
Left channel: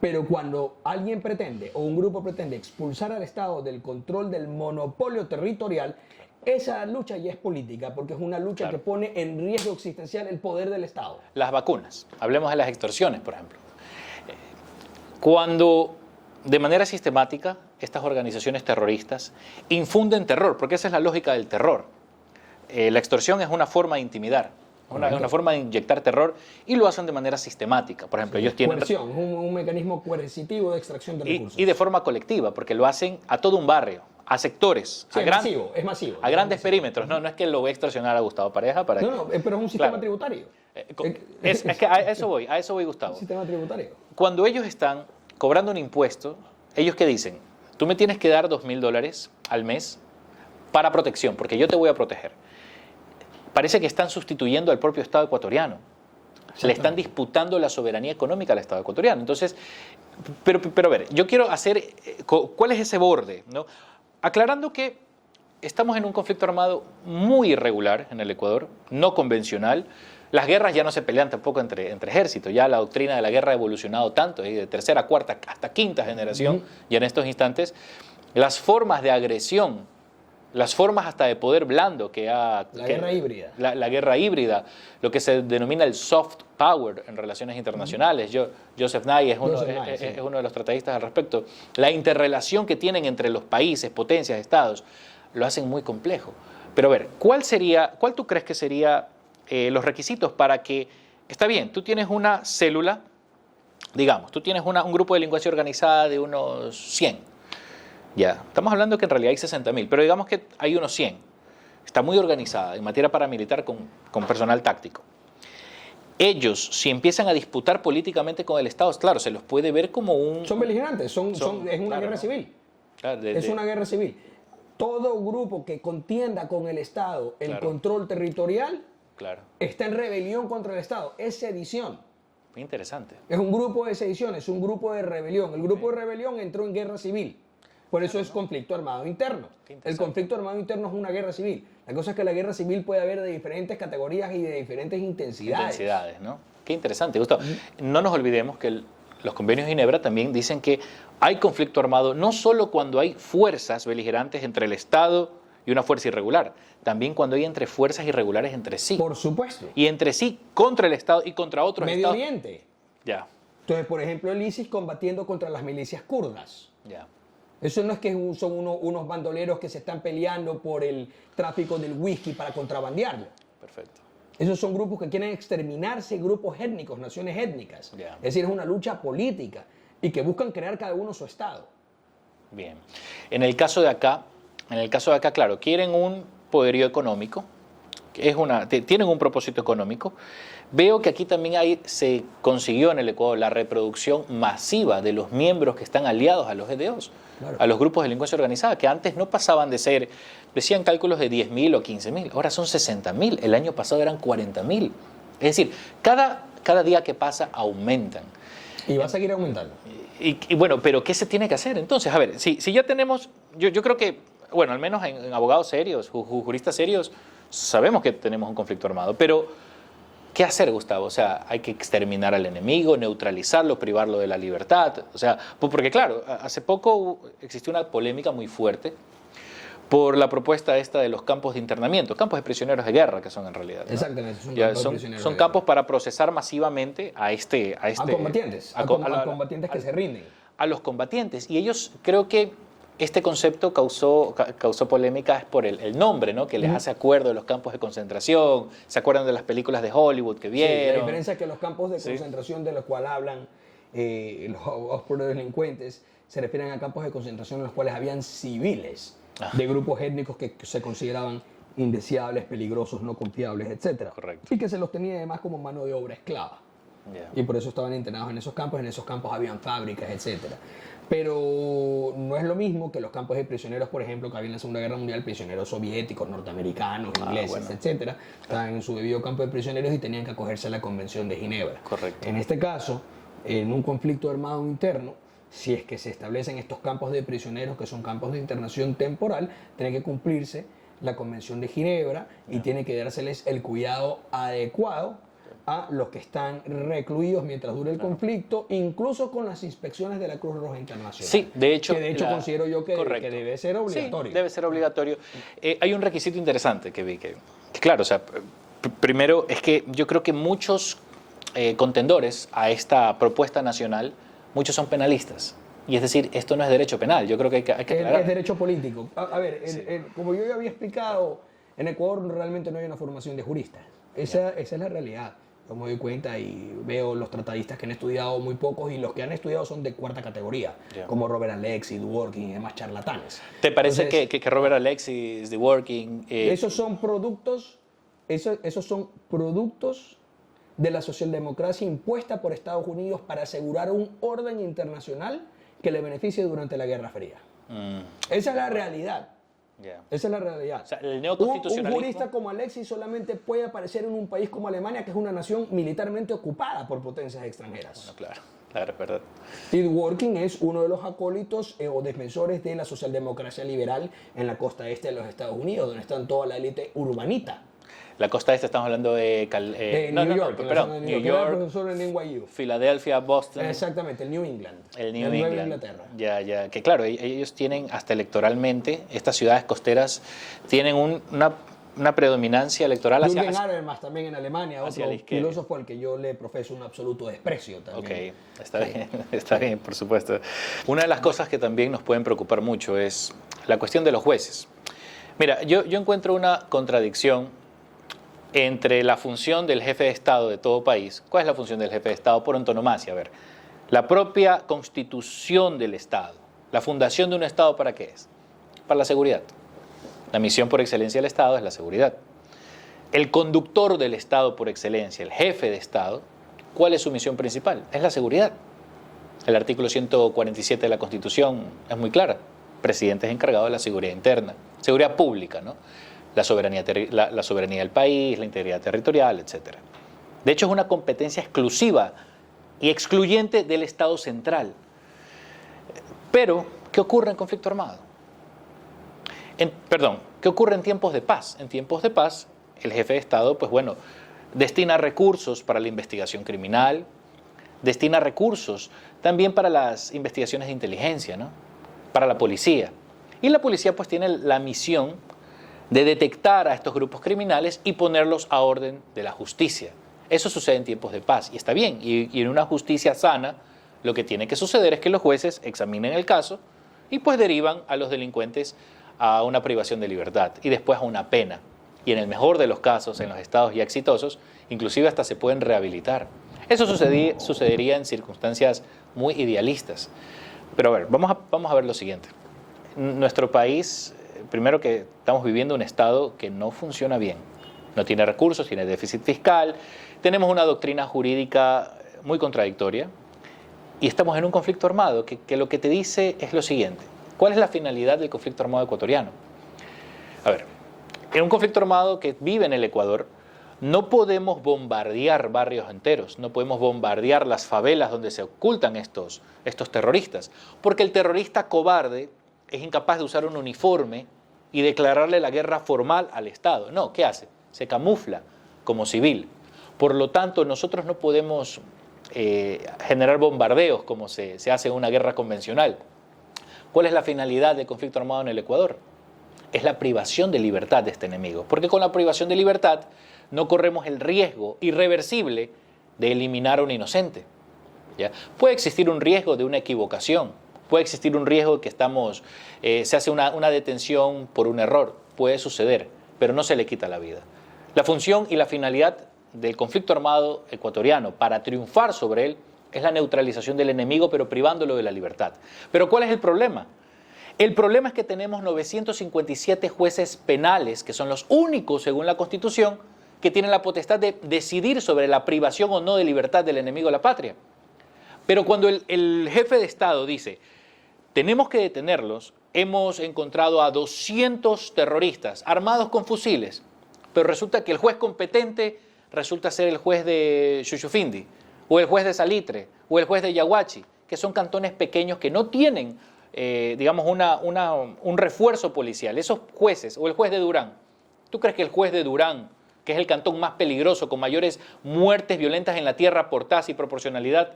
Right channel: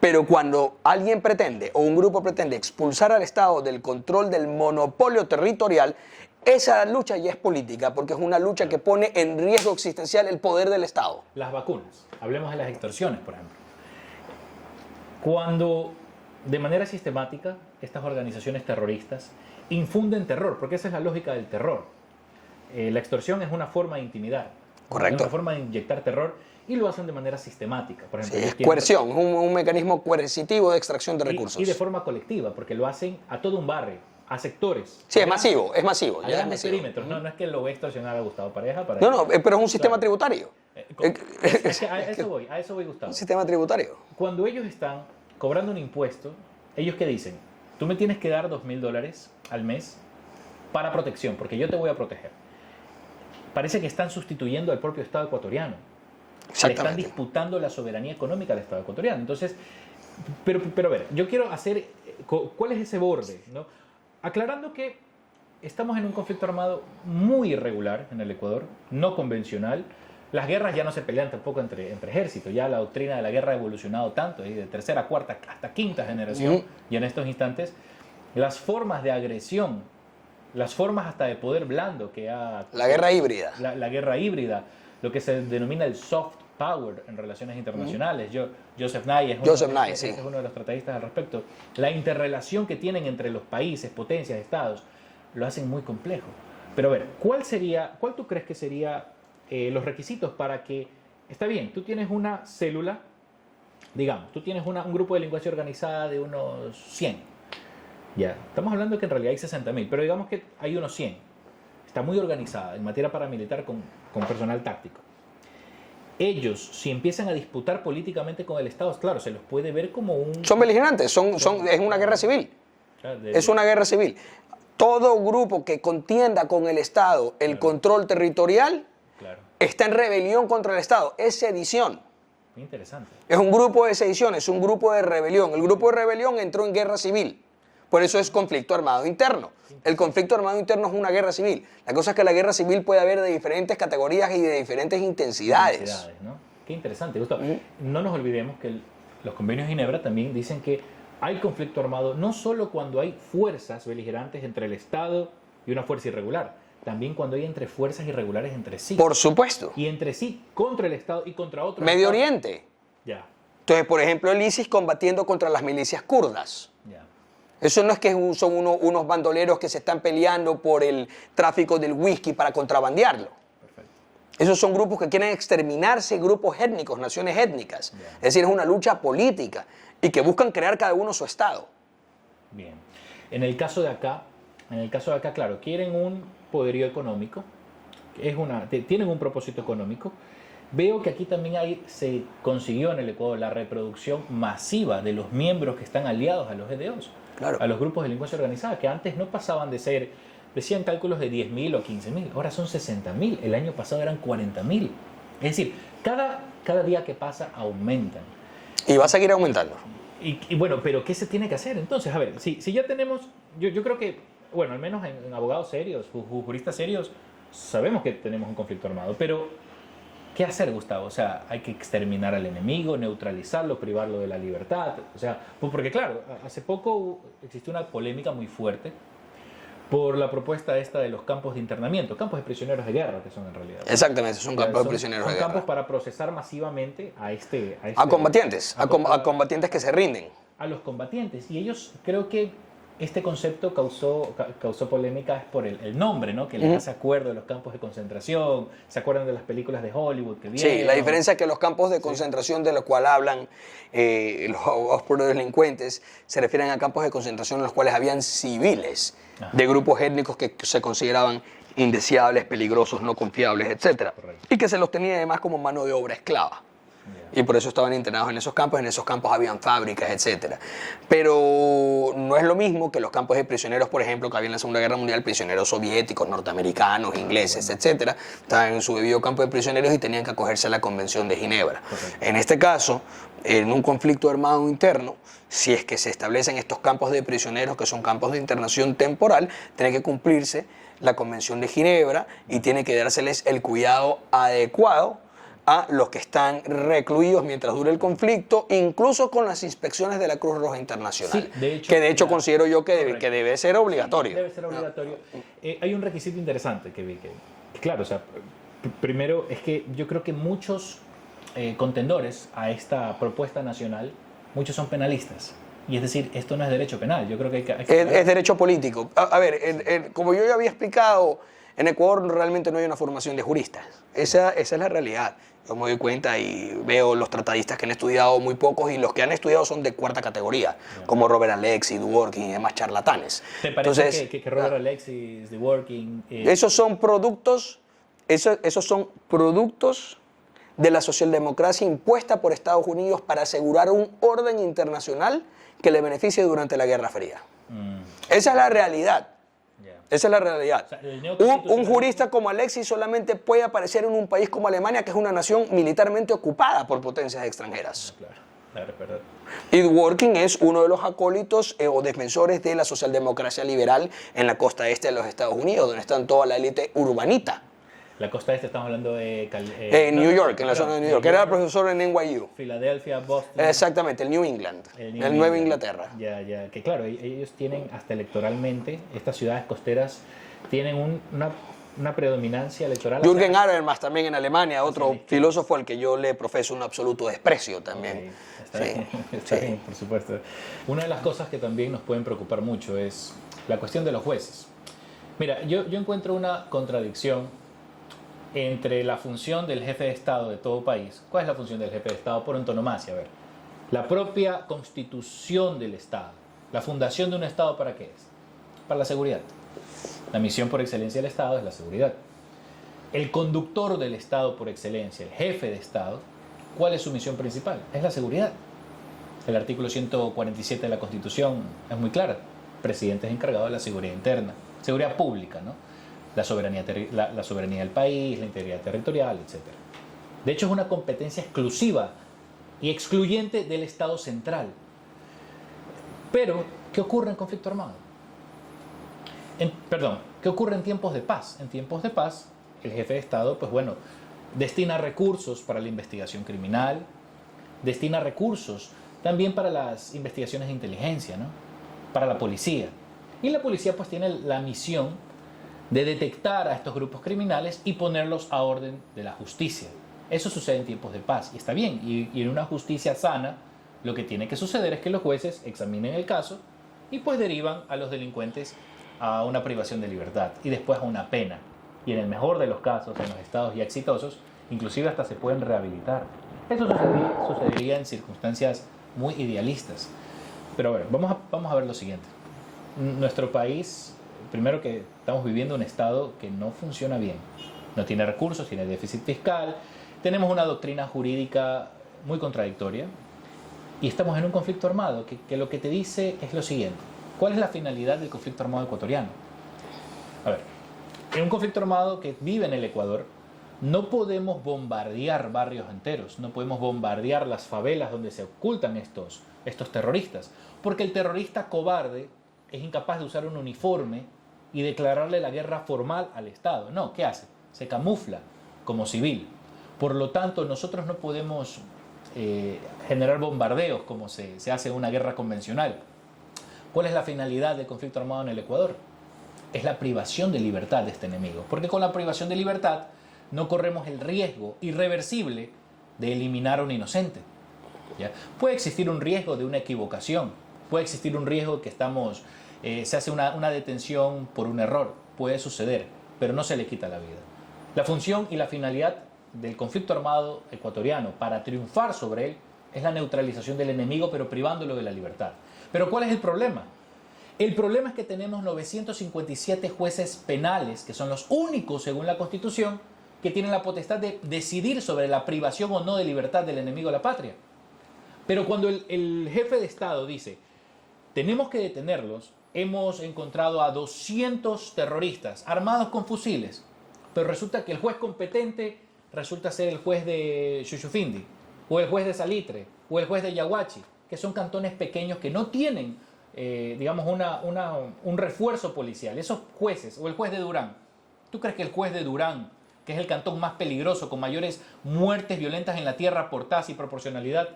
Pero cuando alguien pretende o un grupo pretende expulsar al Estado del control del monopolio territorial, esa lucha ya es política, porque es una lucha que pone en riesgo existencial el poder del Estado. Las vacunas. Hablemos de las extorsiones, por ejemplo. Cuando de manera sistemática estas organizaciones terroristas infunden terror, porque esa es la lógica del terror. La extorsión es una forma de intimidar. Correcto. Es una forma de inyectar terror y lo hacen de manera sistemática. Por ejemplo, ellos tienen coerción, es un mecanismo coercitivo de extracción de recursos. Y de forma colectiva, porque lo hacen a todo un barrio, a sectores. Sí, es masivo. A grandes perímetros. No es que lo voy a extorsionar a Gustavo Pareja. No, pero es un sistema tributario. Es que a eso voy, Gustavo. Un sistema tributario. Cuando ellos están cobrando un impuesto, ¿ellos qué dicen? Tú me tienes que dar $2.000 al mes para protección, porque yo te voy a proteger. Parece que están sustituyendo al propio Estado ecuatoriano. Le están disputando la soberanía económica al Estado ecuatoriano. Entonces, pero a ver, yo quiero hacer, ¿cuál es ese borde? ¿No? Aclarando que estamos en un conflicto armado muy irregular en el Ecuador, no convencional. Las guerras ya no se pelean tampoco entre ejércitos, ya la doctrina de la guerra ha evolucionado tanto, de tercera, cuarta, hasta quinta generación, y en estos instantes, las formas de agresión, las formas hasta de poder blando que ha... La guerra híbrida. La guerra híbrida, lo que se denomina el soft power en relaciones internacionales. Joseph Nye es uno de los tratadistas al respecto. La interrelación que tienen entre los países, potencias, estados, lo hacen muy complejo. Pero a ver, ¿cuál tú crees que sería los requisitos para que... Está bien, tú tienes una célula, digamos, tú tienes un grupo de delincuencia organizada de unos 100. Ya, estamos hablando que en realidad hay 60.000, pero digamos que hay unos 100. Está muy organizada en materia paramilitar con personal táctico. Ellos, si empiezan a disputar políticamente con el Estado, claro, se los puede ver como un... Son beligerantes, es una guerra civil. Claro, es una guerra civil. Todo grupo que contienda con el Estado el control territorial está en rebelión contra el Estado. Es sedición. Muy interesante. Es un grupo de sedición, es un grupo de rebelión. El grupo de rebelión entró en guerra civil. Por eso es conflicto armado interno. El conflicto armado interno es una guerra civil. La cosa es que la guerra civil puede haber de diferentes categorías y de diferentes intensidades. ¿No? Qué interesante, Gustavo. No nos olvidemos que los convenios de Ginebra también dicen que hay conflicto armado no solo cuando hay fuerzas beligerantes entre el Estado y una fuerza irregular, también cuando hay entre fuerzas irregulares entre sí. Por supuesto. Y entre sí contra el Estado y contra otros Medio estados. Oriente. Ya. Entonces, por ejemplo, el ISIS combatiendo contra las milicias kurdas. Ya. Eso no es que son unos bandoleros que se están peleando por el tráfico del whisky para contrabandearlo. Perfecto. Esos son grupos que quieren exterminarse, grupos étnicos, naciones étnicas. Yeah. Es decir, es una lucha política y que buscan crear cada uno su estado. Bien. En el caso de acá, claro, quieren un poderío económico, tienen un propósito económico. Veo que aquí también se consiguió en el Ecuador la reproducción masiva de los miembros que están aliados a los EDOs. Claro. A los grupos de delincuencia organizada, que antes no pasaban de ser, decían cálculos de 10.000 o 15.000, ahora son 60.000, el año pasado eran 40.000. Es decir, cada día que pasa aumentan. Y va a seguir aumentando. Y bueno, pero ¿qué se tiene que hacer entonces? A ver, si ya tenemos, yo creo que, bueno, al menos en abogados serios, juristas serios, sabemos que tenemos un conflicto armado, pero ¿qué hacer, Gustavo? O sea, hay que exterminar al enemigo, neutralizarlo, privarlo de la libertad. O sea, porque claro, hace poco existió una polémica muy fuerte por la propuesta esta de los campos de internamiento, campos de prisioneros de guerra, que son en realidad, ¿no? Exactamente, son campos de prisioneros de guerra. Son campos para procesar masivamente a combatientes, a combatientes que se rinden. A los combatientes. Y ellos, creo que este concepto causó polémica es por el nombre, ¿no? Que les hace acuerdo de los campos de concentración. ¿Se acuerdan de las películas de Hollywood que vieron? Sí, la diferencia es que los campos de concentración de los cuales hablan los abogados por los delincuentes se refieren a campos de concentración en los cuales habían civiles de grupos étnicos que se consideraban indeseables, peligrosos, no confiables, etc. Correcto. Y que se los tenía además como mano de obra esclava. Y por eso estaban internados en esos campos habían fábricas, etc. Pero no es lo mismo que los campos de prisioneros, por ejemplo, que había en la Segunda Guerra Mundial, prisioneros soviéticos, norteamericanos, ingleses, etc. Estaban en su debido campo de prisioneros y tenían que acogerse a la Convención de Ginebra. Correcto. En este caso, en un conflicto armado interno, si es que se establecen estos campos de prisioneros, que son campos de internación temporal, tiene que cumplirse la Convención de Ginebra y tiene que dárseles el cuidado adecuado a los que están recluidos mientras dure el conflicto, incluso con las inspecciones de la Cruz Roja Internacional. Sí, de hecho, que de hecho considero yo que debe ser obligatorio. Sí, debe ser obligatorio. Hay un requisito interesante que vi, que claro, o sea, primero es que yo creo que muchos contendores a esta propuesta nacional, muchos son penalistas. Y es decir, esto no es derecho penal, yo creo que hay que es derecho político. A ver, como yo ya había explicado, en Ecuador realmente no hay una formación de juristas. Esa es la realidad. Yo me doy cuenta y veo los tratadistas que han estudiado muy pocos, y los que han estudiado son de cuarta categoría, como Robert Alexis, Dworkin y demás charlatanes. ¿Te parece que Robert Alexis, Dworkin... Esos son productos de la socialdemocracia impuesta por Estados Unidos para asegurar un orden internacional que le beneficie durante la Guerra Fría. Esa es la realidad. Esa es la realidad. O sea, un jurista como Alexis solamente puede aparecer en un país como Alemania, que es una nación militarmente ocupada por potencias extranjeras. Claro, es verdad. Y Dworkin es uno de los acólitos o defensores de la socialdemocracia liberal en la costa este de los Estados Unidos, donde están toda la élite urbanita. La costa este, estamos hablando de... New York, en la zona de New York, que era profesor en NYU. Filadelfia, Boston. Exactamente, el New England, el Nueva Inglaterra. Ya, que claro, ellos tienen hasta electoralmente, estas ciudades costeras tienen una predominancia electoral. Jürgen Habermas también en Alemania, otro filósofo al que yo le profeso un absoluto desprecio también. Okay. Está bien, por supuesto. Una de las cosas que también nos pueden preocupar mucho es la cuestión de los jueces. Mira, yo encuentro una contradicción entre la función del jefe de Estado de todo país. ¿Cuál es la función del jefe de Estado por antonomasia? A ver, la propia constitución del Estado, la fundación de un Estado, ¿para qué es? Para la seguridad. La misión por excelencia del Estado es la seguridad. El conductor del Estado por excelencia, el jefe de Estado, ¿cuál es su misión principal? Es la seguridad. El artículo 147 de la Constitución es muy clara. Presidente es encargado de la seguridad interna, seguridad pública, ¿no? La soberanía del país, la integridad territorial, etc. De hecho, es una competencia exclusiva y excluyente del Estado central. Pero, ¿qué ocurre en conflicto armado? ¿Qué ocurre en tiempos de paz? En tiempos de paz, el jefe de Estado, pues bueno, destina recursos para la investigación criminal, destina recursos también para las investigaciones de inteligencia, ¿no? Para la policía. Y la policía pues tiene la misión de detectar a estos grupos criminales y ponerlos a orden de la justicia. Eso sucede en tiempos de paz y está bien. Y en una justicia sana, lo que tiene que suceder es que los jueces examinen el caso y pues derivan a los delincuentes a una privación de libertad y después a una pena. Y en el mejor de los casos, en los estados ya exitosos, inclusive hasta se pueden rehabilitar. Eso sucedería en circunstancias muy idealistas. Pero a ver, vamos a ver lo siguiente. Nuestro país, primero que estamos viviendo un estado que no funciona bien. No tiene recursos, tiene déficit fiscal, tenemos una doctrina jurídica muy contradictoria y estamos en un conflicto armado que lo que te dice es lo siguiente. ¿Cuál es la finalidad del conflicto armado ecuatoriano? A ver, en un conflicto armado que vive en el Ecuador, no podemos bombardear barrios enteros, no podemos bombardear las favelas donde se ocultan estos terroristas, porque el terrorista cobarde es incapaz de usar un uniforme y declararle la guerra formal al Estado. No, ¿qué hace? Se camufla como civil. Por lo tanto, nosotros no podemos generar bombardeos como se hace en una guerra convencional. ¿Cuál es la finalidad del conflicto armado en el Ecuador? Es la privación de libertad de este enemigo, porque con la privación de libertad no corremos el riesgo irreversible de eliminar a un inocente. ¿Ya? Puede existir un riesgo de una equivocación, puede existir un riesgo de que se hace una detención por un error, puede suceder, pero no se le quita la vida. La función y la finalidad del conflicto armado ecuatoriano para triunfar sobre él es la neutralización del enemigo, pero privándolo de la libertad. ¿Pero cuál es el problema? El problema es que tenemos 957 jueces penales, que son los únicos, según la Constitución, que tienen la potestad de decidir sobre la privación o no de libertad del enemigo de la patria. Pero cuando el jefe de Estado dice, tenemos que detenerlos, hemos encontrado a 200 terroristas armados con fusiles, pero resulta que el juez competente resulta ser el juez de Xuxufindi, o el juez de Salitre, o el juez de Yaguachi, que son cantones pequeños que no tienen, digamos, un refuerzo policial. Esos jueces, o el juez de Durán, ¿tú crees que el juez de Durán que es el cantón más peligroso, con mayores muertes violentas en la tierra por tasa y proporcionalidad,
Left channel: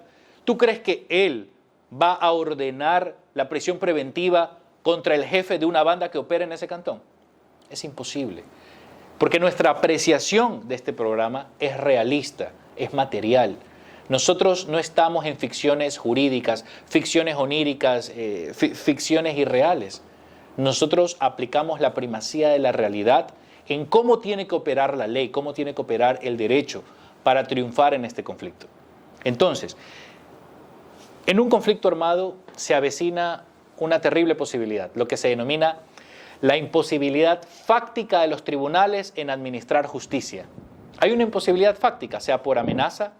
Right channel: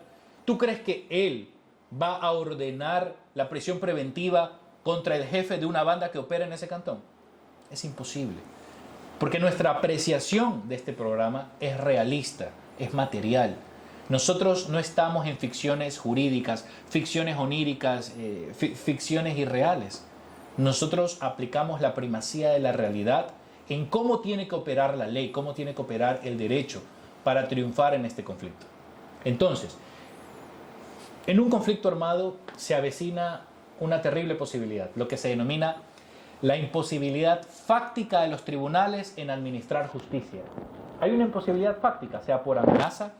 ¿tú crees que él va a ordenar la prisión preventiva contra el jefe de una banda que opera en ese cantón? Es imposible. Porque nuestra apreciación de este programa es realista, es material. Nosotros no estamos en ficciones jurídicas, ficciones oníricas, ficciones irreales. Nosotros aplicamos la primacía de la realidad en cómo tiene que operar la ley, cómo tiene que operar el derecho para triunfar en este conflicto. Entonces, en un conflicto armado se avecina una terrible posibilidad, lo que se denomina la imposibilidad fáctica de los tribunales en administrar justicia. Hay una imposibilidad fáctica, sea por amenaza,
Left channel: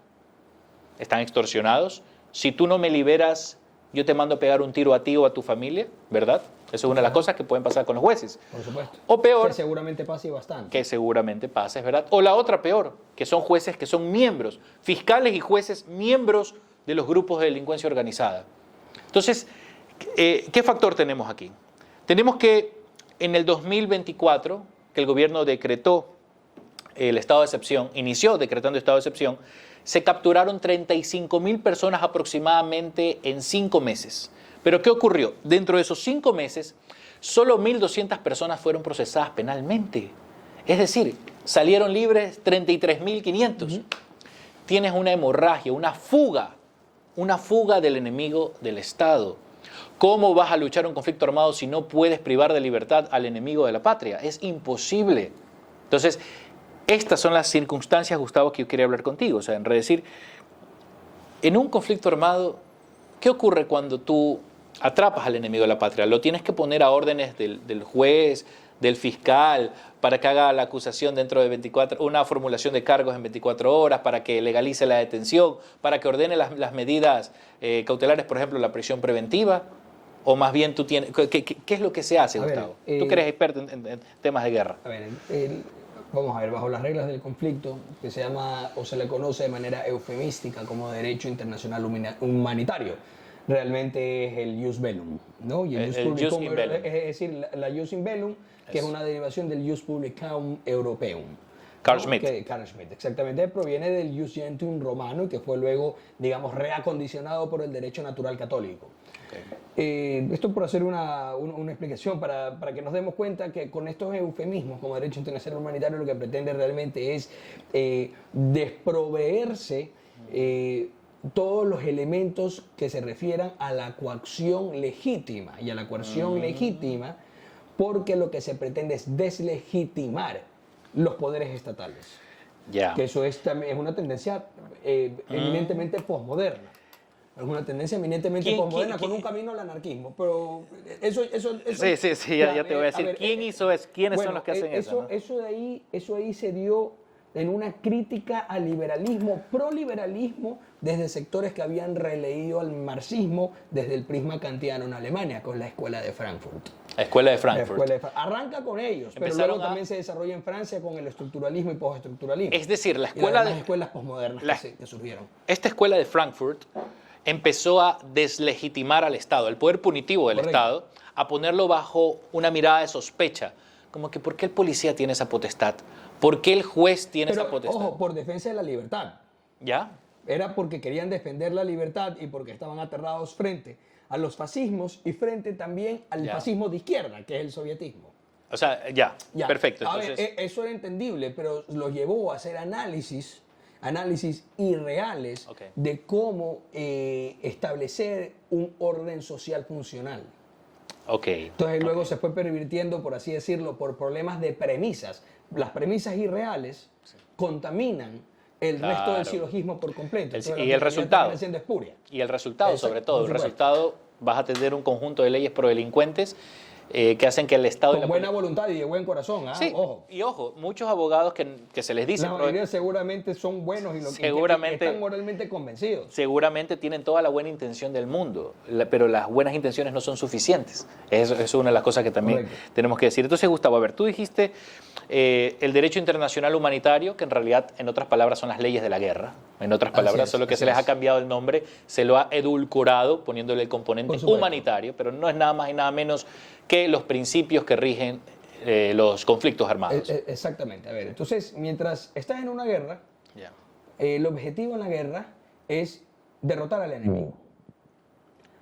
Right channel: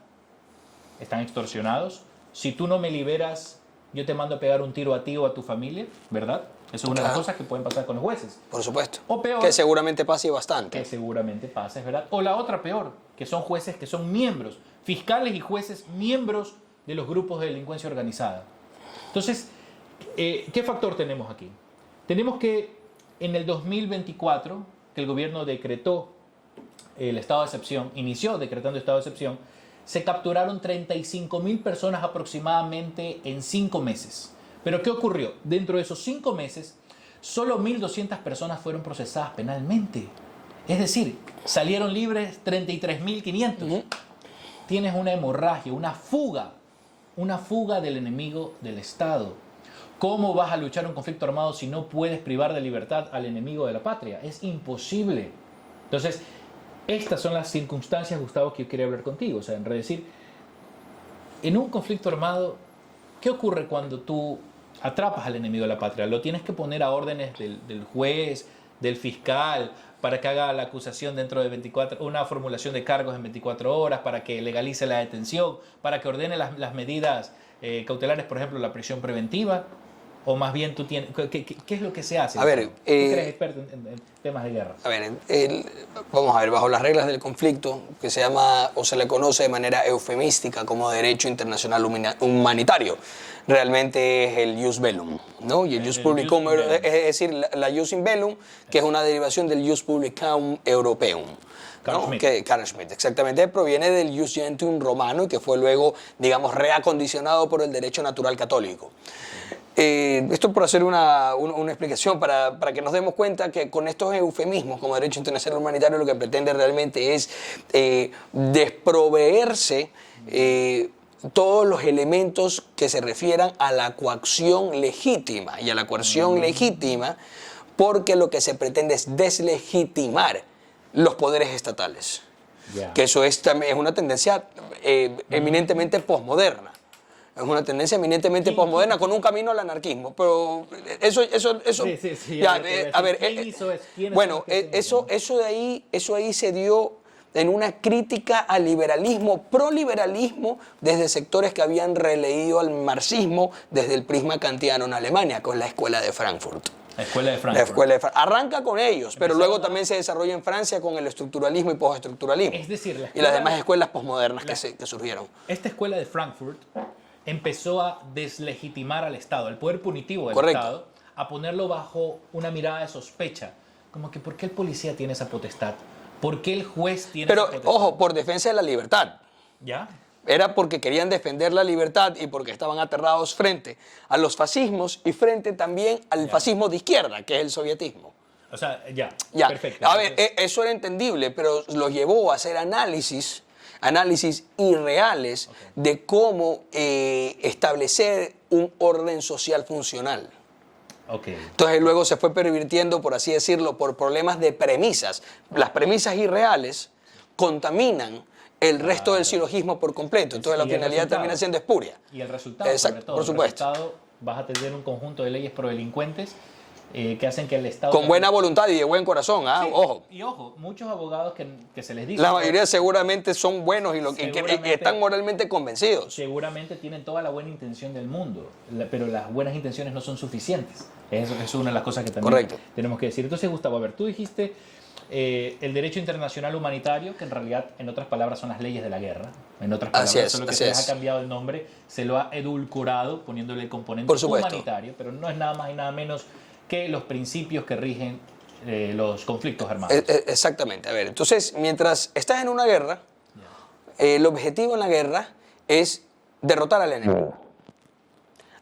están extorsionados. Si tú no me liberas, yo te mando a pegar un tiro a ti o a tu familia, ¿verdad? Eso es una de las cosas que pueden pasar con los jueces. Por supuesto. O peor. Que seguramente pase bastante. Que seguramente pase, ¿verdad? O la otra peor, que son jueces que son miembros, fiscales y jueces miembros de los grupos de delincuencia organizada. Entonces, ¿qué factor tenemos aquí? Tenemos que en el 2024, que el gobierno decretó el estado de excepción, inició decretando estado de excepción, se capturaron 35.000 personas aproximadamente en 5 meses. Pero ¿qué ocurrió? Dentro de esos 5 meses, solo 1.200 personas fueron procesadas penalmente. Es decir, salieron libres 33.500. Tienes una hemorragia, una fuga del enemigo del Estado. ¿Cómo vas a luchar un conflicto armado si no puedes privar de libertad al enemigo de la patria? Es imposible. Entonces, estas son las circunstancias, Gustavo, que yo quería hablar contigo. O sea, en decir, en un conflicto armado, ¿qué ocurre cuando tú atrapas al enemigo de la patria? Lo tienes que poner a órdenes del juez, del fiscal, para que haga la acusación dentro de 24, una formulación de cargos en 24 horas, para que legalice la detención, para que ordene las medidas cautelares, por ejemplo, la prisión preventiva. O más bien tú tienes... ¿Qué es lo que se hace? A ver, tú que eres experto en temas de guerra. A ver, vamos a ver, bajo las reglas del conflicto, que se llama o se le conoce de manera eufemística como derecho internacional humanitario, realmente es el jus bellum, ¿no? Y el jus publicum, es decir, la jus in bellum, que es una derivación del jus publicum europeum. Carl Schmitt. Carl Schmitt, exactamente, proviene del jus gentium romano y que fue luego, digamos, reacondicionado por el derecho natural católico. Esto por hacer una explicación para que nos demos cuenta que con estos eufemismos como derecho internacional humanitario lo que pretende realmente es desproveerse todos los elementos que se refieran a la coacción legítima y a la coerción legítima, porque lo que se pretende es deslegitimar los poderes estatales. Que eso es una tendencia eminentemente posmoderna. Es una tendencia eminentemente posmoderna con un camino al anarquismo. Pero eso Sí. Ya te voy a decir, ¿quién hizo eso? ¿Quiénes son los que hacen eso ahí se dio en una crítica al liberalismo, proliberalismo, desde sectores que habían releído al marxismo desde el prisma kantiano en Alemania, con la Escuela de Frankfurt. La Escuela de Frankfurt. Arranca con ellos, pero luego también se desarrolla en Francia con el estructuralismo y postestructuralismo. Es decir, y las demás escuelas posmodernas que surgieron. Esta Escuela de Frankfurt empezó a deslegitimar al Estado, al poder punitivo del Estado, a ponerlo bajo una mirada de sospecha. Como que, ¿por qué el policía tiene esa potestad? ¿Por qué el juez tiene esa potestad? Pero, ojo, por defensa de la libertad. ¿Ya? Era porque querían defender la libertad y porque estaban aterrados frente a los fascismos y frente también al fascismo de izquierda, que es el sovietismo. O sea, ya. Perfecto. A ver, eso era entendible, pero los llevó a hacer análisis irreales de cómo establecer un orden social funcional. Entonces luego se fue pervirtiendo, por así decirlo, por problemas de premisas. Las premisas irreales contaminan el resto del silogismo por completo. Entonces la finalidad termina siendo espuria. Y el resultado, sobre todo. El resultado, vas a tener un conjunto de leyes pro delincuentes que hacen que el Estado... Con buena voluntad y de buen corazón, sí, ojo. Y ojo, muchos abogados que se les dice... La mayoría seguramente son buenos y que están moralmente convencidos. Seguramente tienen toda la buena intención del mundo, pero las buenas intenciones no son suficientes. Eso es una de las cosas que también tenemos que decir. Entonces, Gustavo, a ver, tú dijiste el derecho internacional humanitario, que en realidad, en otras palabras, son las leyes de la guerra. En otras palabras, solo que se les ha cambiado el nombre, se lo ha edulcorado, poniéndole el componente humanitario, pero no es nada más y nada menos que los principios que rigen los conflictos armados. Exactamente. A ver, entonces, mientras estás en una guerra, el objetivo en la guerra es derrotar al enemigo.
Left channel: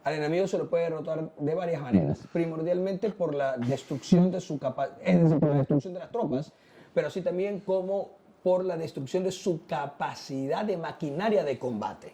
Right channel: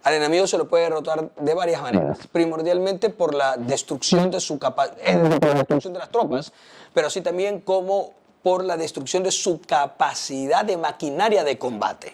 Al enemigo se lo puede derrotar de varias maneras. Primordialmente por la destrucción de su destrucción de las tropas, pero así también como por la destrucción de su capacidad de maquinaria de combate.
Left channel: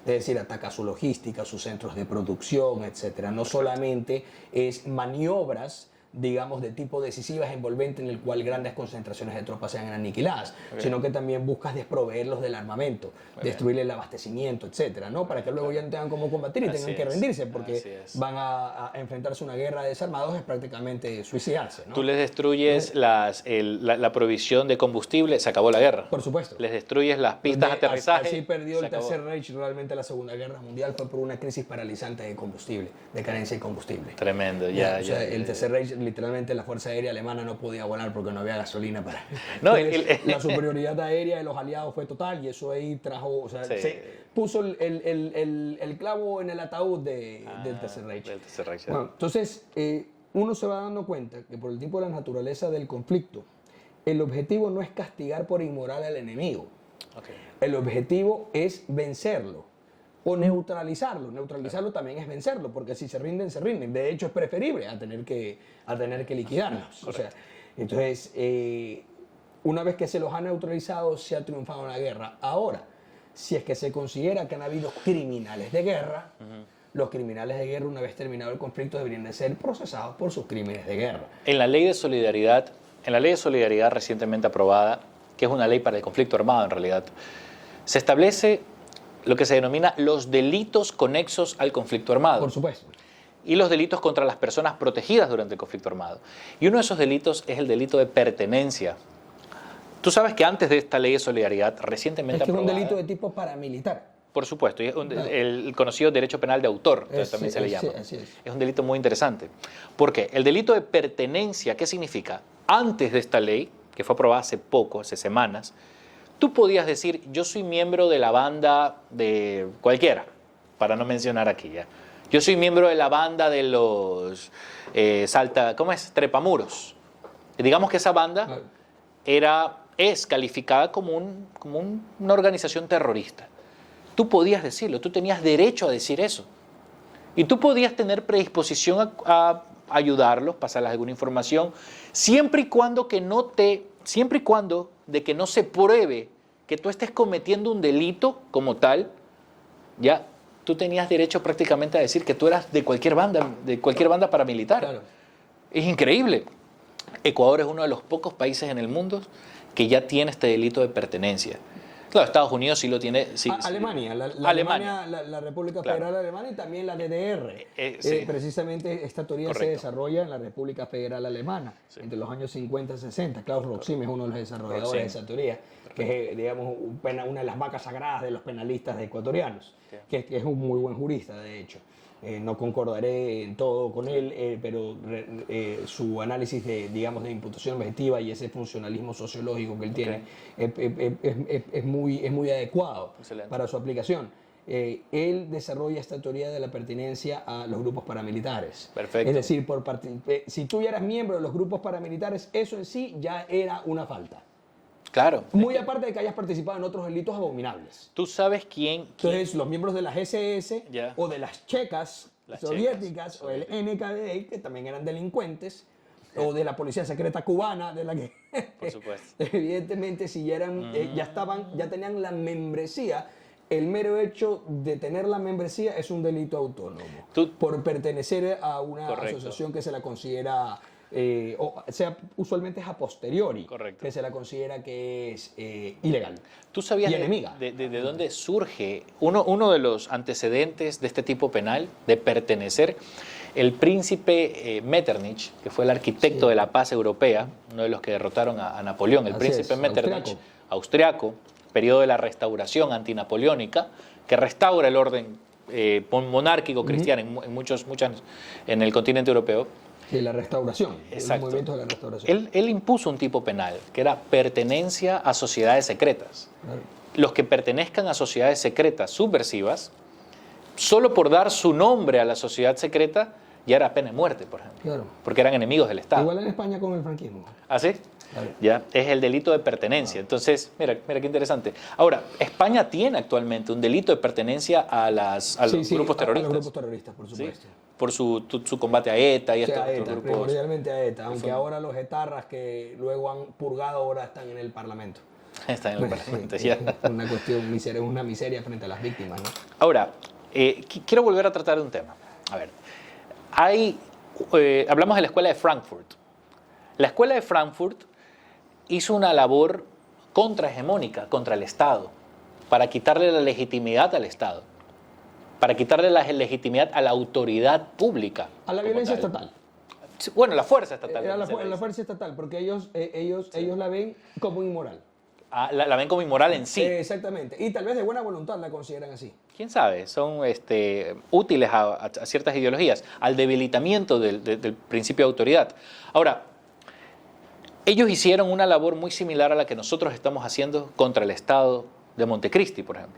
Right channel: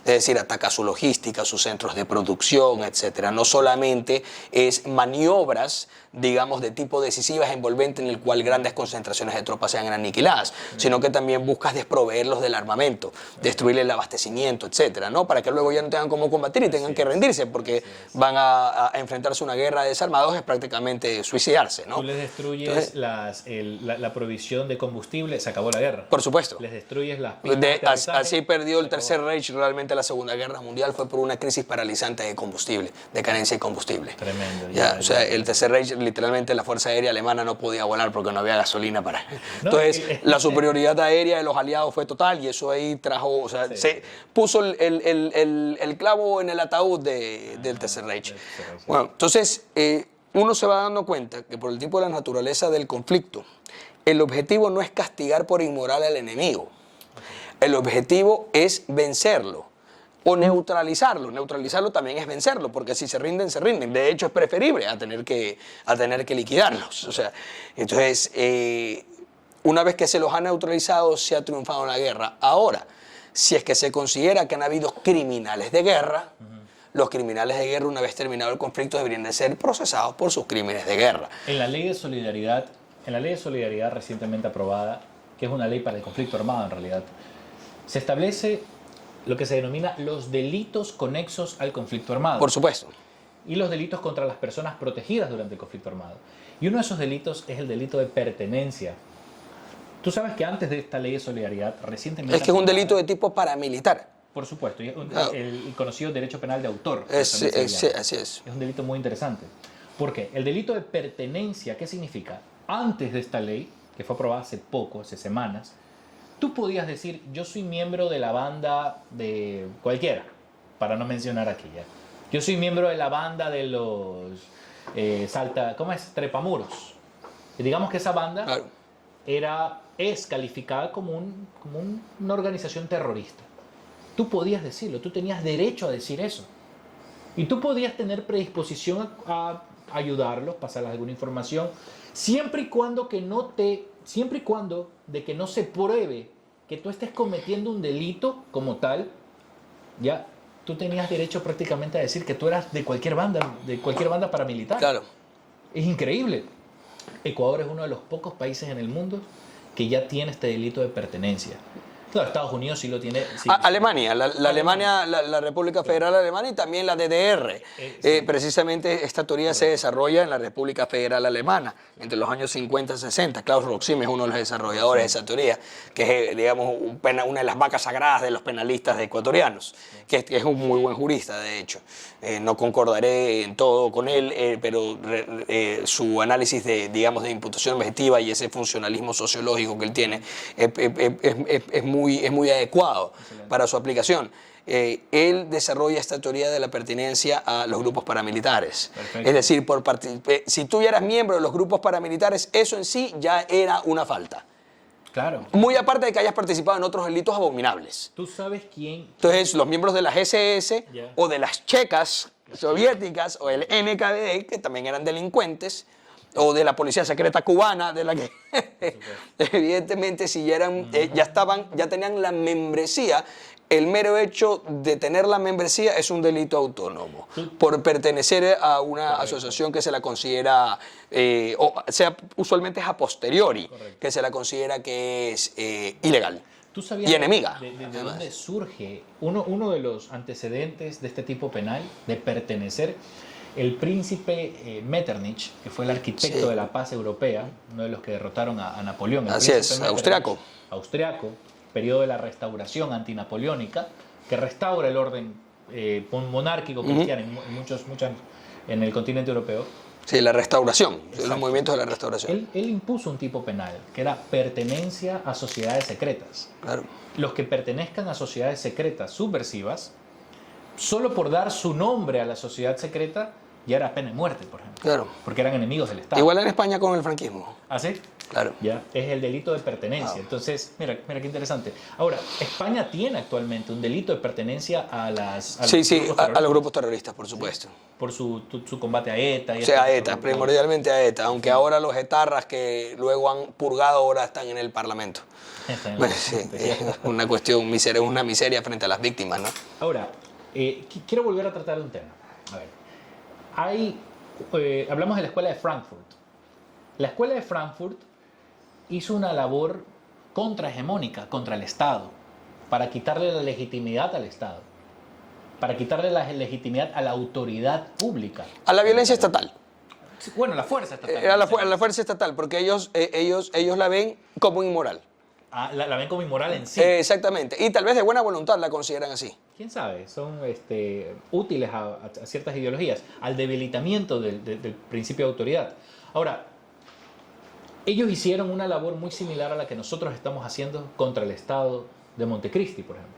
Es decir, ataca su logística, sus centros de producción, etcétera. No solamente es maniobras, digamos, de tipo decisivas, envolvente, en el cual grandes concentraciones de tropas sean aniquiladas, sino que también buscas desproveerlos del armamento, destruirle el abastecimiento, etcétera, ¿no? Para que luego ya no tengan cómo combatir y tengan que rendirse, porque van a enfrentarse a una guerra de desarmados, es prácticamente suicidarse, ¿no? Tú les destruyes la provisión de combustible, se acabó la guerra. Por supuesto. Les destruyes las pistas de aterrizaje. Así perdió el Tercer Reich realmente la Segunda Guerra Mundial, fue por una crisis paralizante de combustible, de carencia de combustible. Tremendo. O sea, el Tercer Reich, literalmente la Fuerza Aérea Alemana no podía volar porque no había gasolina para... Entonces, la superioridad aérea de los aliados fue total y eso ahí trajo, o sea, se puso el clavo en el ataúd del Tercer Reich. Bueno, entonces, uno se va dando cuenta que por el tipo de la naturaleza del conflicto, el objetivo no es castigar por inmoral al enemigo. El objetivo es vencerlo o neutralizarlo. Neutralizarlo también es vencerlo, porque si se rinden, se rinden. De hecho, es preferible a tener que liquidarlos. O sea, entonces, una vez que se los ha neutralizado, se ha triunfado en la guerra. Ahora, si es que se considera que han habido criminales de guerra, los criminales de guerra, una vez terminado el conflicto, deberían de ser procesados por sus crímenes de guerra. En la ley de solidaridad recientemente aprobada, que es una ley para el conflicto armado en realidad, se establece lo que se denomina los delitos conexos al conflicto armado. Por supuesto. Y los delitos contra las personas protegidas durante el conflicto armado. Y uno de esos delitos es el delito de pertenencia. Tú sabes que antes de esta ley de solidaridad, recientemente es que es un delito de tipo paramilitar. Por supuesto, y el conocido derecho penal de autor. Así es. Es un delito muy interesante. ¿Por qué? El delito de pertenencia, ¿qué significa? Antes de esta ley, que fue aprobada hace poco, hace semanas, tú podías decir, yo soy miembro de la banda de cualquiera, para no mencionar aquí ya. Yo soy miembro de la banda de los trepamuros. Y digamos que esa banda es calificada como una organización terrorista. Tú podías decirlo, tú tenías derecho a decir eso. Y tú podías tener predisposición a ayudarlos, pasarles alguna información, siempre y cuando de que no se pruebe que tú estés cometiendo un delito como tal, ya tú tenías derecho prácticamente a decir que tú eras de cualquier banda paramilitar. Claro. Es increíble. Ecuador es uno de los pocos países en el mundo que ya tiene este delito de pertenencia. Claro, Estados Unidos sí lo tiene. Alemania, la República Federal Alemana y también la DDR. Precisamente esta teoría se desarrolla en la República Federal Alemana entre los años 50 y 60. Klaus Roxim es uno de los desarrolladores de esa teoría, que es, digamos, una de las vacas sagradas de los penalistas ecuatorianos, que es un muy buen jurista, de hecho. No concordaré en todo con él, pero su análisis de imputación objetiva y ese funcionalismo sociológico que él tiene es muy adecuado para su aplicación. Él desarrolla esta teoría de la pertenencia a los grupos paramilitares. Perfecto. Es decir, si tú ya eras miembro de los grupos paramilitares, eso en sí ya era una falta. Claro. Muy aparte de que hayas participado en otros delitos abominables. ¿Tú sabes quién? Entonces, los miembros de las SS o de las checas soviéticas o el NKVD, que también eran delincuentes, o de la policía secreta cubana, de la que evidentemente si ya eran, ya tenían la membresía. El mero hecho de tener la membresía es un delito autónomo por pertenecer a una asociación que se la considera, usualmente es a posteriori, que se la considera que es ilegal. ¿Tú sabías y enemiga? ¿De dónde surge uno de los antecedentes de este tipo penal, de pertenecer? El príncipe Metternich, que fue el arquitecto de la paz europea, uno de los que derrotaron a Napoleón, el príncipe Metternich, austriaco, periodo de la restauración antinapoleónica, que restaura el orden monárquico cristiano en el continente europeo. Sí, la restauración, los movimientos de la restauración. Él impuso un tipo penal, que era pertenencia a sociedades secretas. Claro. Los que pertenezcan a sociedades secretas subversivas, solo por dar su nombre a la sociedad secreta, ya era pena de muerte, por ejemplo. Claro. Porque eran enemigos del Estado. Igual en España con el franquismo. ¿Ah, sí? Claro. Ya, es el delito de pertenencia. Entonces, mira qué interesante. Ahora, España tiene actualmente un delito de pertenencia a los Sí, grupos terroristas. a los grupos terroristas, por supuesto. Sí, por su combate a ETA. Y O sea, a estos ETA, grupos. primordialmente a ETA, aunque ahora los etarras que luego han purgado ahora están en el Parlamento. Está en el Bueno, Parlamento, sí, ya. es una cuestión, una miseria frente a las víctimas, ¿no? Ahora, quiero volver a tratar de un tema. A ver, hablamos de la escuela de Frankfurt. La escuela de Frankfurt hizo una labor contrahegemónica contra el Estado, para quitarle la legitimidad al Estado, para quitarle la legitimidad a la autoridad pública. A la violencia estatal. Bueno, la fuerza estatal. A la fuerza estatal, porque ellos la ven como inmoral. La ven como inmoral en sí. Exactamente. Y tal vez de buena voluntad la consideran así. ¿Quién sabe? Son útiles a ciertas ideologías, al debilitamiento del principio de autoridad. Ahora, ellos hicieron una labor muy similar a la que nosotros estamos haciendo contra el Estado de Montecristi, por ejemplo.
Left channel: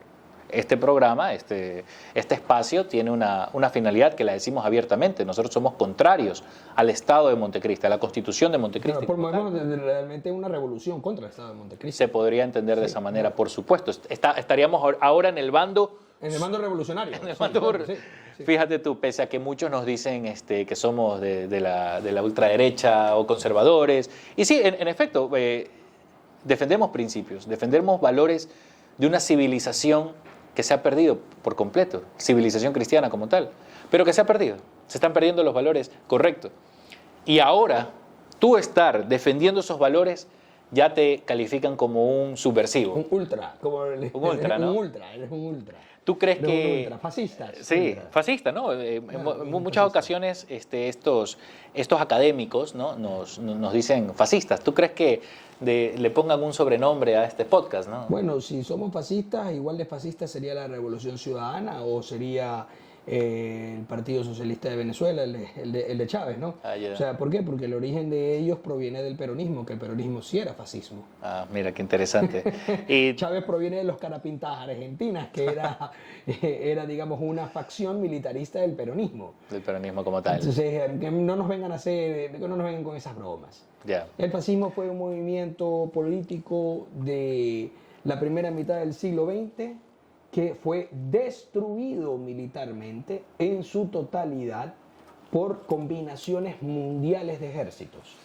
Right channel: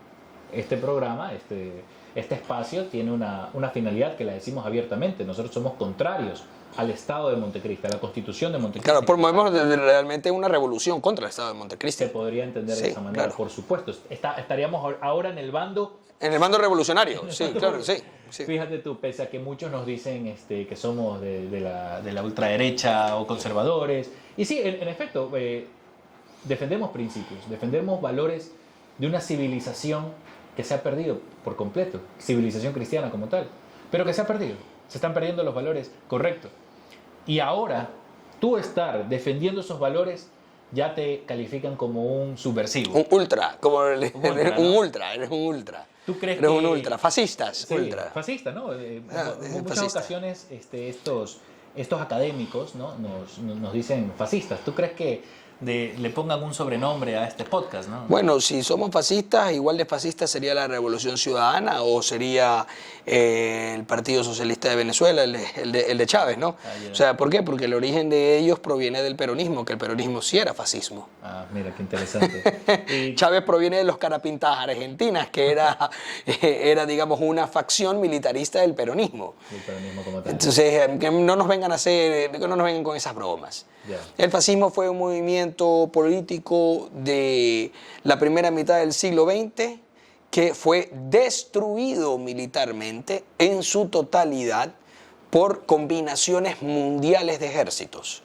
Este programa, este espacio tiene una finalidad que la decimos abiertamente. Nosotros somos contrarios al Estado de Montecristi, a la Constitución de Montecristi. Claro, promovemos realmente una revolución contra el Estado de Montecristi. Se podría entender de esa manera, claro. Por supuesto. Estaríamos ahora en el bando... En el mando revolucionario, sí, claro, sí. Fíjate tú, pese a que muchos nos dicen que somos de la ultraderecha o conservadores. Y sí, en efecto, defendemos principios, defendemos valores de una civilización que se ha perdido por completo, civilización cristiana como tal, pero que se ha perdido. Se están perdiendo los valores correctos. Y ahora, tú estar defendiendo esos valores, ya te califican como un subversivo. Un ultra, como un ultra, ¿no? Eres un ultra. ¿Tú crees eres que...? un ultra, fascistas. Sí, ultra. fascista, ¿no? En muchas fascista. ocasiones estos académicos, ¿no? nos dicen fascistas. ¿Tú crees que le pongan un sobrenombre a este podcast, ¿no? Bueno, si somos fascistas, igual de fascista sería la Revolución Ciudadana o sería el Partido Socialista de Venezuela, el de Chávez, ¿no? O sea, ¿por qué? Porque el origen de ellos proviene del peronismo, que el peronismo sí era fascismo. Ah, mira, qué interesante. Y Chávez proviene de los carapintas argentinas, que era, digamos, una facción militarista del peronismo. El peronismo como tal. Entonces, que no nos vengan con esas bromas. Yeah. El fascismo fue un movimiento político de la primera mitad del siglo XX que fue destruido militarmente en su totalidad por combinaciones mundiales de ejércitos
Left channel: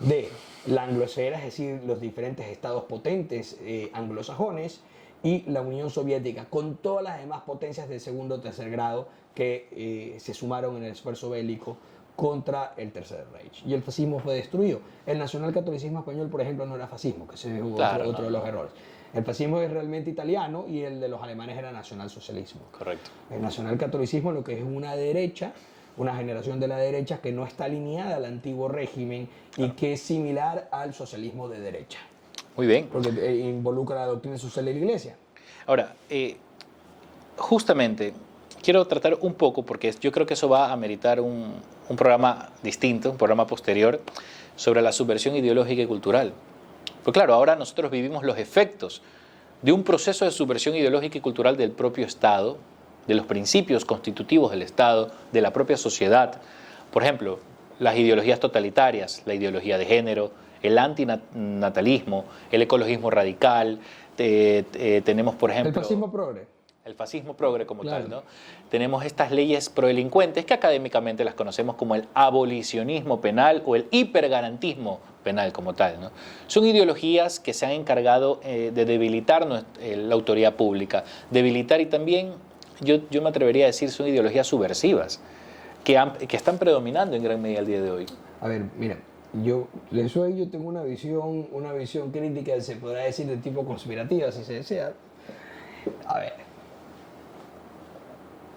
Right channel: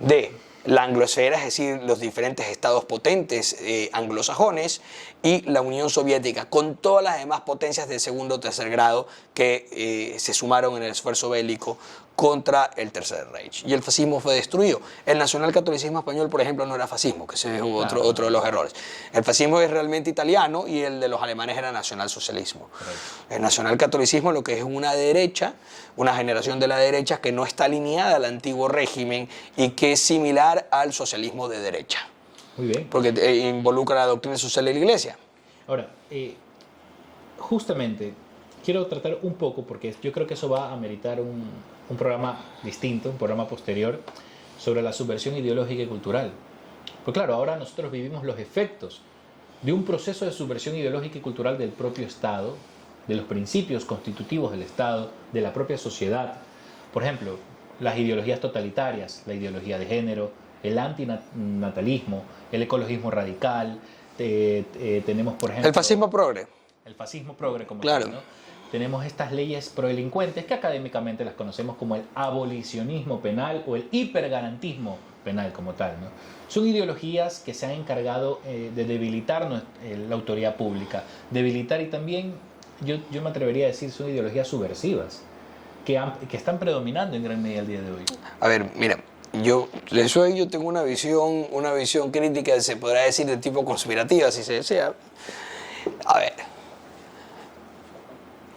de la anglosfera, es decir, los diferentes estados potentes anglosajones, y la Unión Soviética, con todas las demás potencias de segundo o tercer grado que se sumaron en el esfuerzo bélico contra el Tercer Reich. Y el fascismo fue destruido. El nacionalcatolicismo español, por ejemplo, no era fascismo, que ese es otro de los errores. El fascismo es realmente italiano y el de los alemanes era nacionalsocialismo. Correcto. El nacionalcatolicismo lo que es una derecha, una generación de la derecha que no está alineada al antiguo régimen y que es similar al socialismo de derecha. Muy bien. Porque involucra la doctrina social de la Iglesia. Ahora, justamente quiero tratar un poco, porque yo creo que eso va a ameritar un programa distinto, un programa posterior, sobre la subversión ideológica y cultural. Pues claro, ahora nosotros vivimos los efectos de un proceso de subversión ideológica y cultural del propio Estado, de los principios constitutivos del Estado, de la propia sociedad. Por ejemplo, las ideologías totalitarias, la ideología de género, el antinatalismo, el ecologismo radical, tenemos, por ejemplo... El fascismo progre. El fascismo progre, como claro. tal, ¿no? Tenemos estas leyes prodelincuentes que académicamente las conocemos como el abolicionismo penal o el hipergarantismo penal como tal, ¿no? Son ideologías que se han encargado de debilitar la autoridad pública, debilitar, y también yo me atrevería a decir son ideologías subversivas que están predominando en gran medida el día de hoy. A ver, mira, yo tengo una visión crítica, se podrá decir, de tipo conspirativa, si se desea. A ver,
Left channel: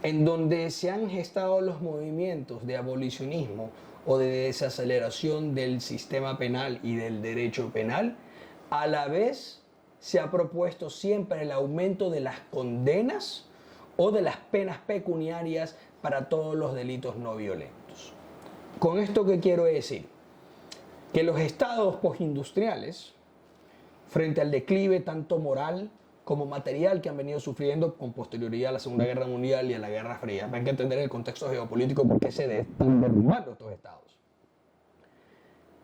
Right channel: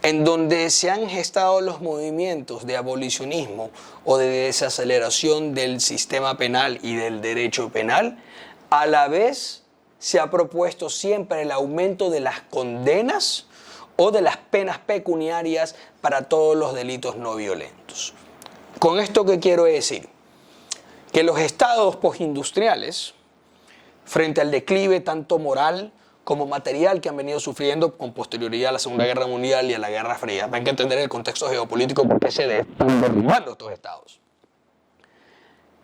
en donde se han gestado los movimientos de abolicionismo o de desaceleración del sistema penal y del derecho penal, a la vez se ha propuesto siempre el aumento de las condenas o de las penas pecuniarias para todos los delitos no violentos. ¿Con esto qué quiero decir? Que los estados postindustriales, frente al declive tanto moral como material que han venido sufriendo con posterioridad a la Segunda Guerra Mundial y a la Guerra Fría. Hay que entender el contexto geopolítico porque se están derrumbando estos estados.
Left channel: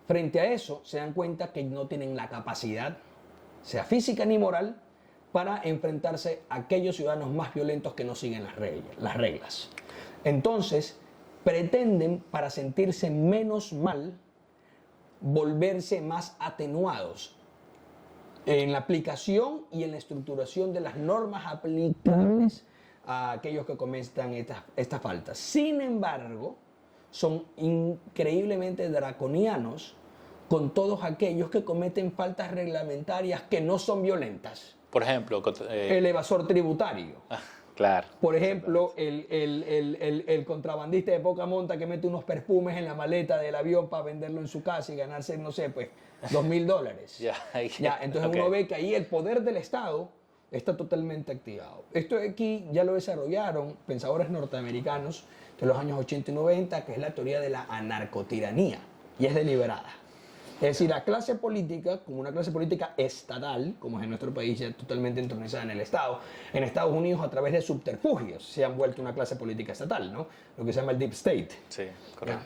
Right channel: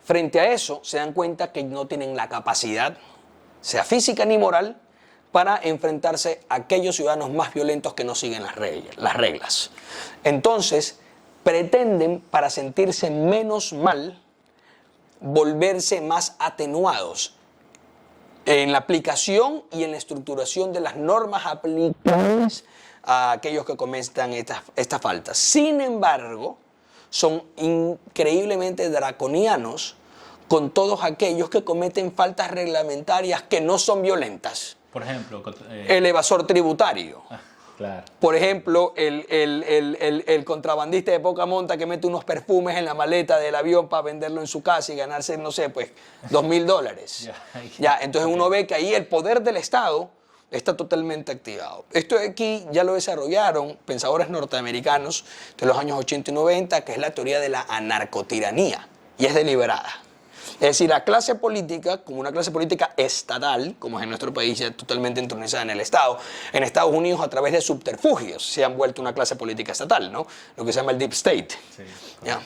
Frente a eso, se dan cuenta que no tienen la capacidad, sea física ni moral, para enfrentarse a aquellos ciudadanos más violentos que no siguen las reglas. Entonces, pretenden, para sentirse menos mal, volverse más atenuados en la aplicación y en la estructuración de las normas aplicables a aquellos que cometan estas faltas. Sin embargo, son increíblemente draconianos con todos aquellos que cometen faltas reglamentarias que no son violentas. Por ejemplo, el evasor tributario. Claro. Por ejemplo, el contrabandista de poca monta que mete unos perfumes en la maleta del avión para venderlo en su casa y ganarse, no sé, pues, $2.000. Entonces uno ve que ahí el poder del Estado está totalmente activado. Esto de aquí ya lo desarrollaron pensadores norteamericanos de los años 80 y 90, que es la teoría de la anarcotiranía, y es deliberada. Es decir, la clase política, como una clase política estatal, como es en nuestro país, ya totalmente entronizada en el Estado, en Estados Unidos a través de subterfugios se han vuelto una clase política estatal, ¿no? Lo que se llama el deep state. Sí, ¿ya?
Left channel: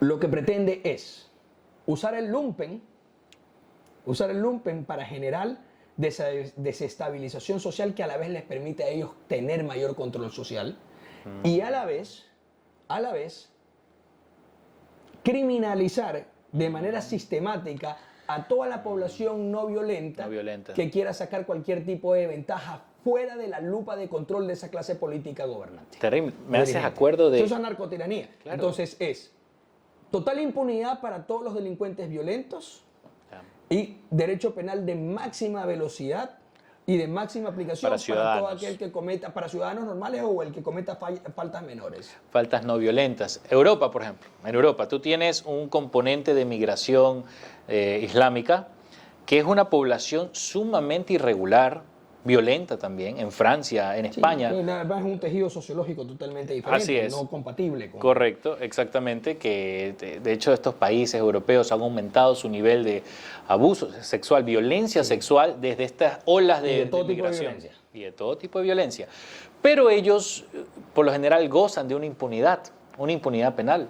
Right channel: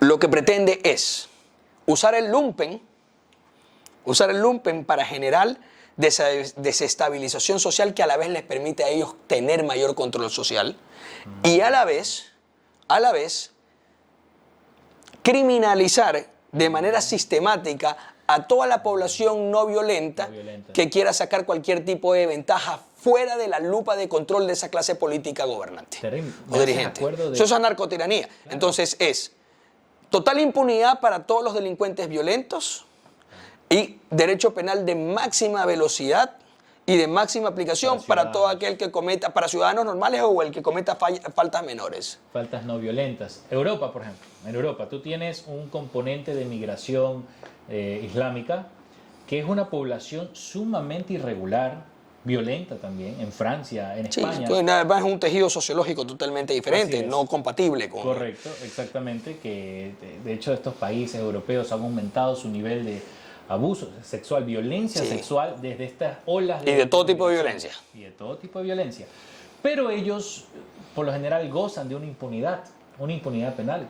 Lo que pretende es usar el lumpen para generar desestabilización social que a la vez les permite a ellos tener mayor control social y a la vez criminalizar de manera sistemática a toda la población no violenta que quiera sacar cualquier tipo de ventaja fuera de la lupa de control de esa clase política gobernante. Eso es anarcotiranía. Claro. Entonces es total impunidad para todos los delincuentes violentos y derecho penal de máxima velocidad y de máxima aplicación para todo aquel que cometa, para ciudadanos normales o el que cometa faltas menores. Faltas no violentas. Europa, por ejemplo. En Europa tú tienes un componente de migración islámica que es una población sumamente irregular, violenta también, en Francia, en España. Sí, además es un tejido sociológico totalmente diferente, no compatible con... Correcto, exactamente, que de hecho estos países europeos han aumentado su nivel de abuso sexual, violencia sexual desde estas olas de... Y de todo tipo de violencia. Y de todo tipo de violencia. Pero ellos, por lo general, gozan de una impunidad penal.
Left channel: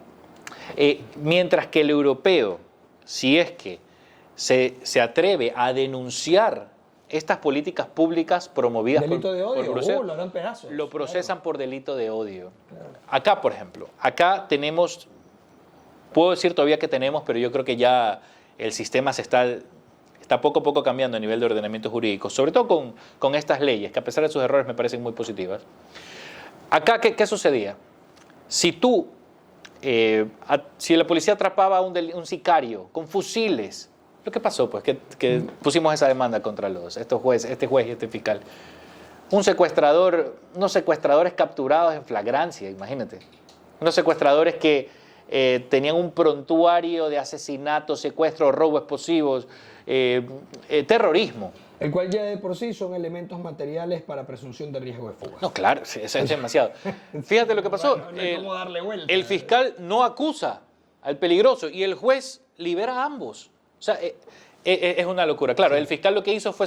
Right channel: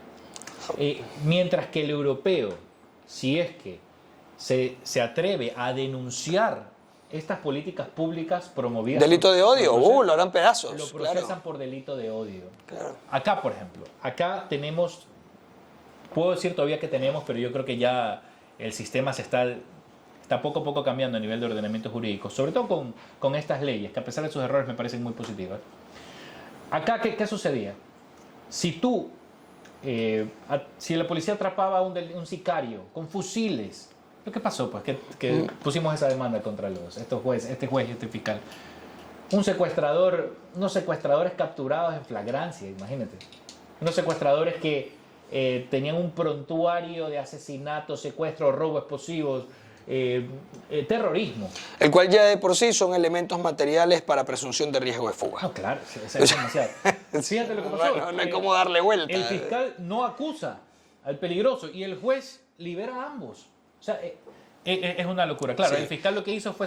Mientras que el europeo, si es que se atreve a denunciar estas políticas públicas promovidas... Delito de odio, lo harán pedazos. Lo procesan por delito de odio. Claro. Acá, por ejemplo, tenemos, puedo decir todavía que tenemos, pero yo creo que ya el sistema está poco a poco cambiando a nivel de ordenamiento jurídico, sobre todo con estas leyes, que a pesar de sus errores me parecen muy positivas. Acá, ¿qué sucedía? Si la policía atrapaba a un sicario con fusiles, ¿qué pasó? Pues que pusimos esa demanda contra este juez y este fiscal. Unos secuestradores capturados en flagrancia, imagínate. Unos secuestradores que tenían un prontuario de asesinatos, secuestros, robos explosivos, terrorismo. El cual ya de por sí son elementos materiales para presunción de riesgo de fuga. No, claro, es demasiado. Fíjate lo que pasó. No hay cómo darle vuelta. El fiscal no acusa al peligroso y el juez libera a ambos. O sea, es una locura. Claro, el fiscal lo que hizo fue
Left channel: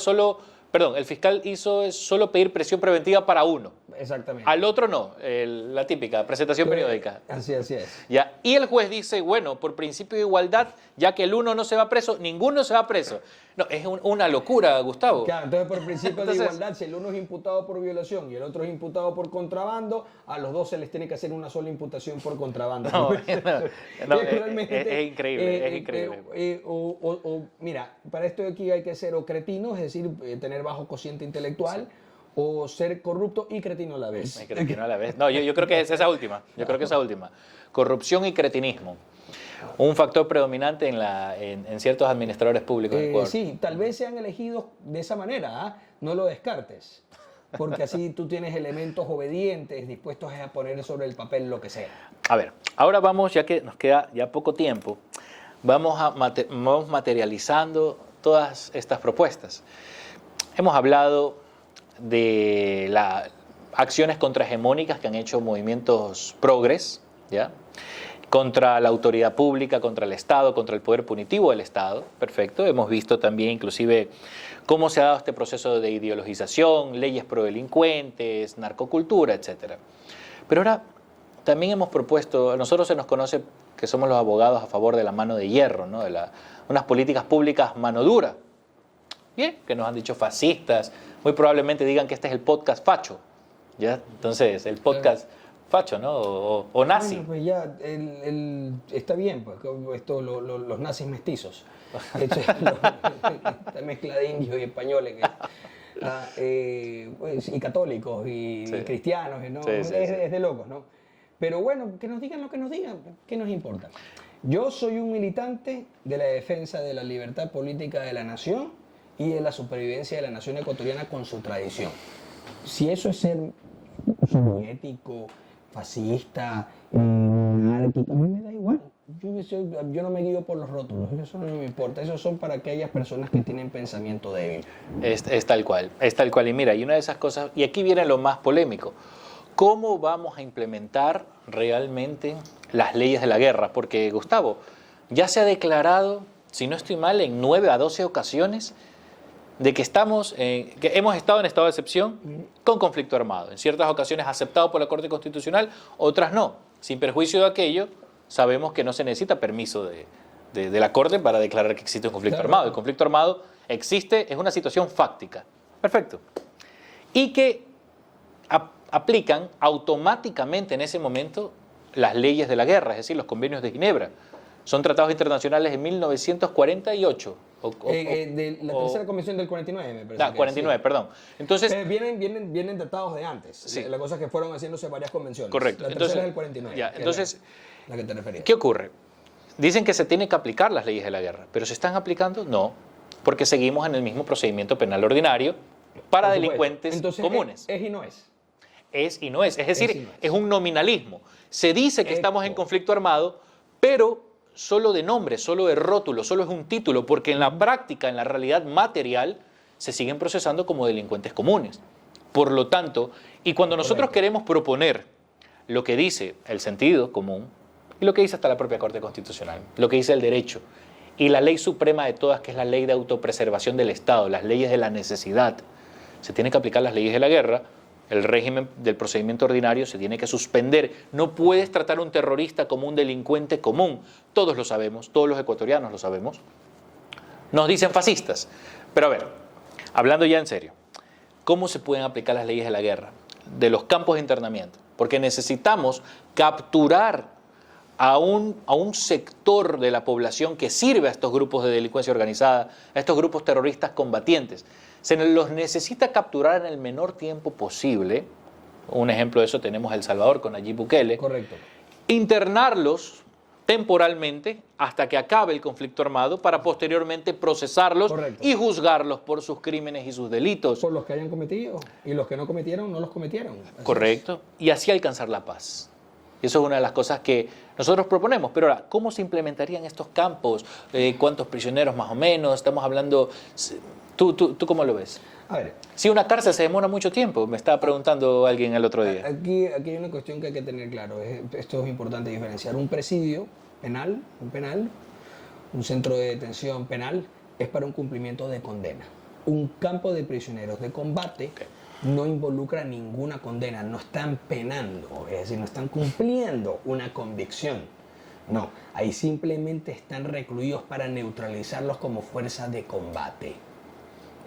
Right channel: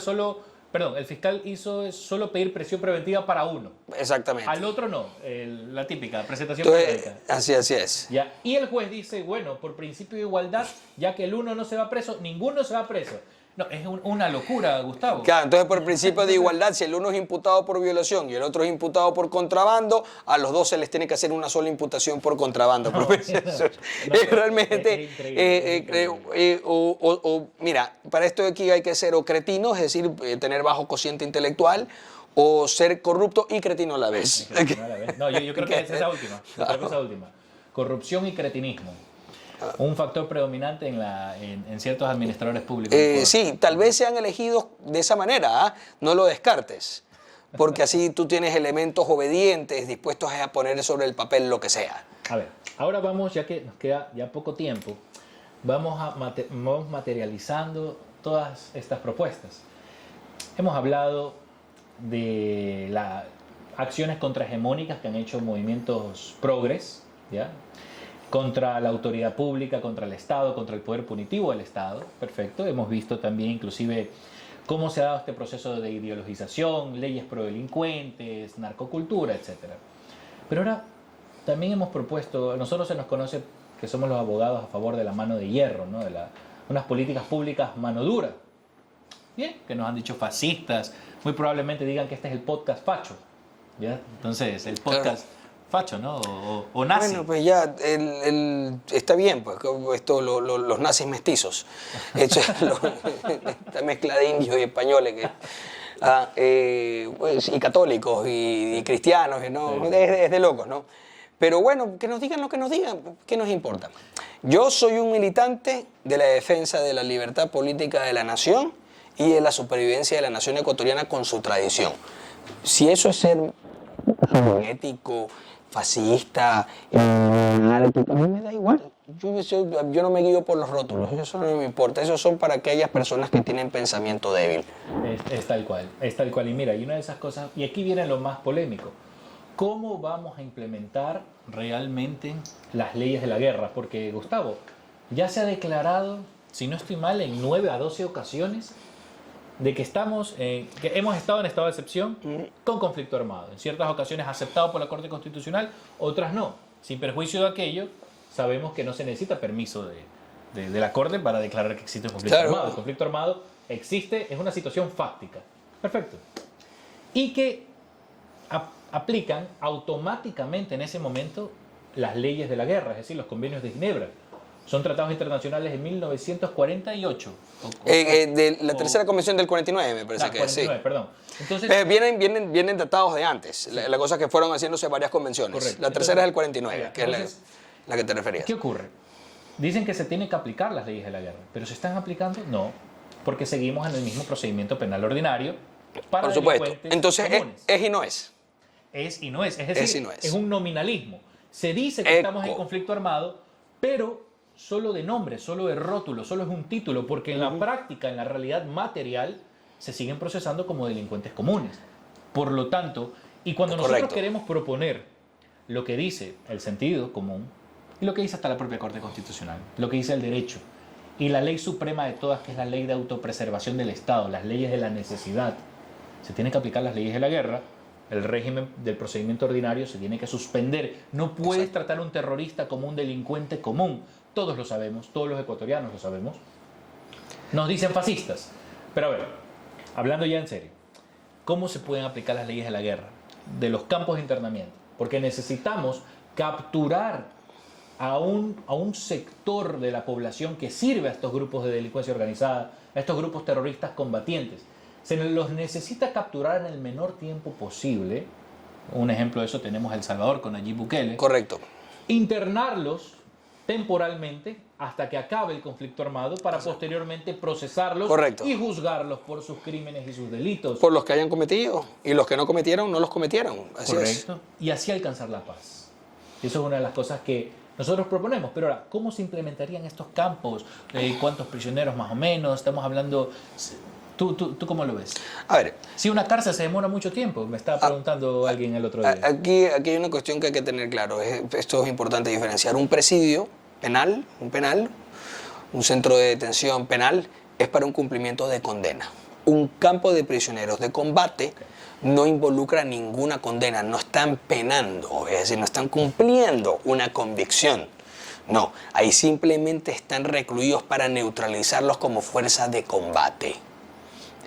el fiscal hizo solo pedir presión preventiva para uno. Exactamente. Al otro no, la típica presentación periódica. Así es. ¿Ya? Y el juez dice, bueno, por principio de igualdad, ya que el uno no se va preso, ninguno se va preso. No, es una locura, Gustavo. Claro, entonces por principio de igualdad, si el uno es imputado por violación y el otro es imputado por contrabando, a los dos se les tiene que hacer una sola imputación por contrabando. Es realmente es increíble. Mira, para esto de aquí hay que ser o cretino, es decir, tener bajo cociente intelectual, o ser corrupto y cretino a la vez. No, yo creo que es esa última. Corrupción y cretinismo. Un factor predominante en ciertos administradores públicos. Sí, tal vez sean elegidos de esa manera, no lo descartes, porque así tú tienes elementos obedientes dispuestos a poner sobre el papel lo que sea. A ver, ahora vamos, ya que nos queda ya poco tiempo, vamos materializando todas estas propuestas. Hemos hablado de las acciones contrahegemónicas que han hecho movimientos progres, ¿ya?, contra la autoridad pública, contra el Estado, contra el poder punitivo del Estado. Perfecto. Hemos visto también inclusive cómo se ha dado este proceso de ideologización, leyes pro delincuentes, narcocultura, etc. Pero ahora también hemos propuesto, a nosotros se nos conoce que somos los abogados a favor de la mano de hierro, ¿no? De unas políticas públicas mano dura. Bien, que nos han dicho fascistas, muy probablemente digan que este es el podcast facho, ¿ya? Entonces, el podcast facho, ¿no? O nazi. Bueno, pues ya, está bien, pues, esto, los nazis mestizos. Esta mezcla de indios y españoles pues, y católicos y cristianos, ¿no? Sí, sí. Es de locos, ¿no? Pero bueno, que nos digan lo que nos digan, ¿qué nos importa? Yo soy un militante de la defensa de la libertad política de la nación y de la supervivencia de la nación ecuatoriana con su tradición. Si eso es ser ético, fascista, anárquico, a mí me da igual. Yo no me guío por los rótulos, eso no me importa. Esos son para aquellas personas que tienen pensamiento débil. Es tal cual, es tal cual. Y mira, y una de esas cosas, y aquí viene lo más polémico, ¿cómo vamos a implementar realmente las leyes de la guerra? Porque, Gustavo, ya se ha declarado, si no estoy mal, en 9 a 12 ocasiones de que hemos estado en estado de excepción con conflicto armado. En ciertas ocasiones aceptado por la Corte Constitucional, otras no. Sin perjuicio de aquello, sabemos que no se necesita permiso de la Corte para declarar que existe un conflicto armado. El conflicto armado existe, es una situación fáctica. Perfecto. Y que aplican automáticamente en ese momento las leyes de la guerra, es decir, los convenios de Ginebra. Son tratados internacionales de 1948. De la tercera convención del 49, me parece. 49, sí. Perdón. Entonces, vienen tratados de antes. Sí. La cosa es que fueron haciéndose varias convenciones. Correcto. La tercera es del 49, ya, que entonces, es la que te referías. ¿qué ocurre? Dicen que se tienen que aplicar las leyes de la guerra, pero ¿se están aplicando? No, porque seguimos en el mismo procedimiento penal ordinario para delincuentes comunes. Es y no es. Es y no es. Es decir, no es. Es un nominalismo. Se dice que estamos en conflicto armado, pero solo de nombre, solo de rótulo, solo es un título, porque en la práctica, en la realidad material, se siguen procesando como delincuentes comunes. Por lo tanto, y cuando nosotros queremos proponer lo que dice el sentido común, y lo que dice hasta la propia Corte Constitucional, lo que dice el derecho, y la ley suprema de todas, que es la ley de autopreservación del Estado, las leyes de la necesidad, se tienen que aplicar las leyes de la guerra. El régimen del procedimiento ordinario se tiene que suspender. No puedes tratar a un terrorista como un delincuente común. Todos lo sabemos, todos los ecuatorianos lo sabemos. Nos dicen fascistas. Pero a ver, hablando ya en serio, ¿cómo se pueden aplicar las leyes de la guerra? De los campos de internamiento. Porque necesitamos capturar a un sector de la población que sirve a estos grupos de delincuencia organizada, a estos grupos terroristas combatientes. Se los necesita capturar en el menor tiempo posible. Un ejemplo de eso tenemos El Salvador con Nayib Bukele. Correcto. Internarlos temporalmente hasta que acabe el conflicto armado para posteriormente procesarlos y juzgarlos por sus crímenes y sus delitos. Por los que hayan cometido. Y los que no cometieron, no los cometieron. Así correcto. Y así alcanzar la paz. Eso es una de las cosas que nosotros proponemos. Pero ahora, ¿cómo se implementarían estos campos? ¿Cuántos prisioneros más o menos? Estamos hablando... ¿Tú cómo lo ves? A ver. Si una cárcel se demora mucho tiempo, me estaba preguntando alguien el otro día. Aquí hay una cuestión que hay que tener claro. Esto es importante diferenciar. Un presidio penal, un centro de detención penal, es para un cumplimiento de condena. Un campo de prisioneros de combate no involucra ninguna condena, no están penando, es decir, no están cumpliendo una convicción. No, ahí simplemente están recluidos para neutralizarlos como fuerza de combate.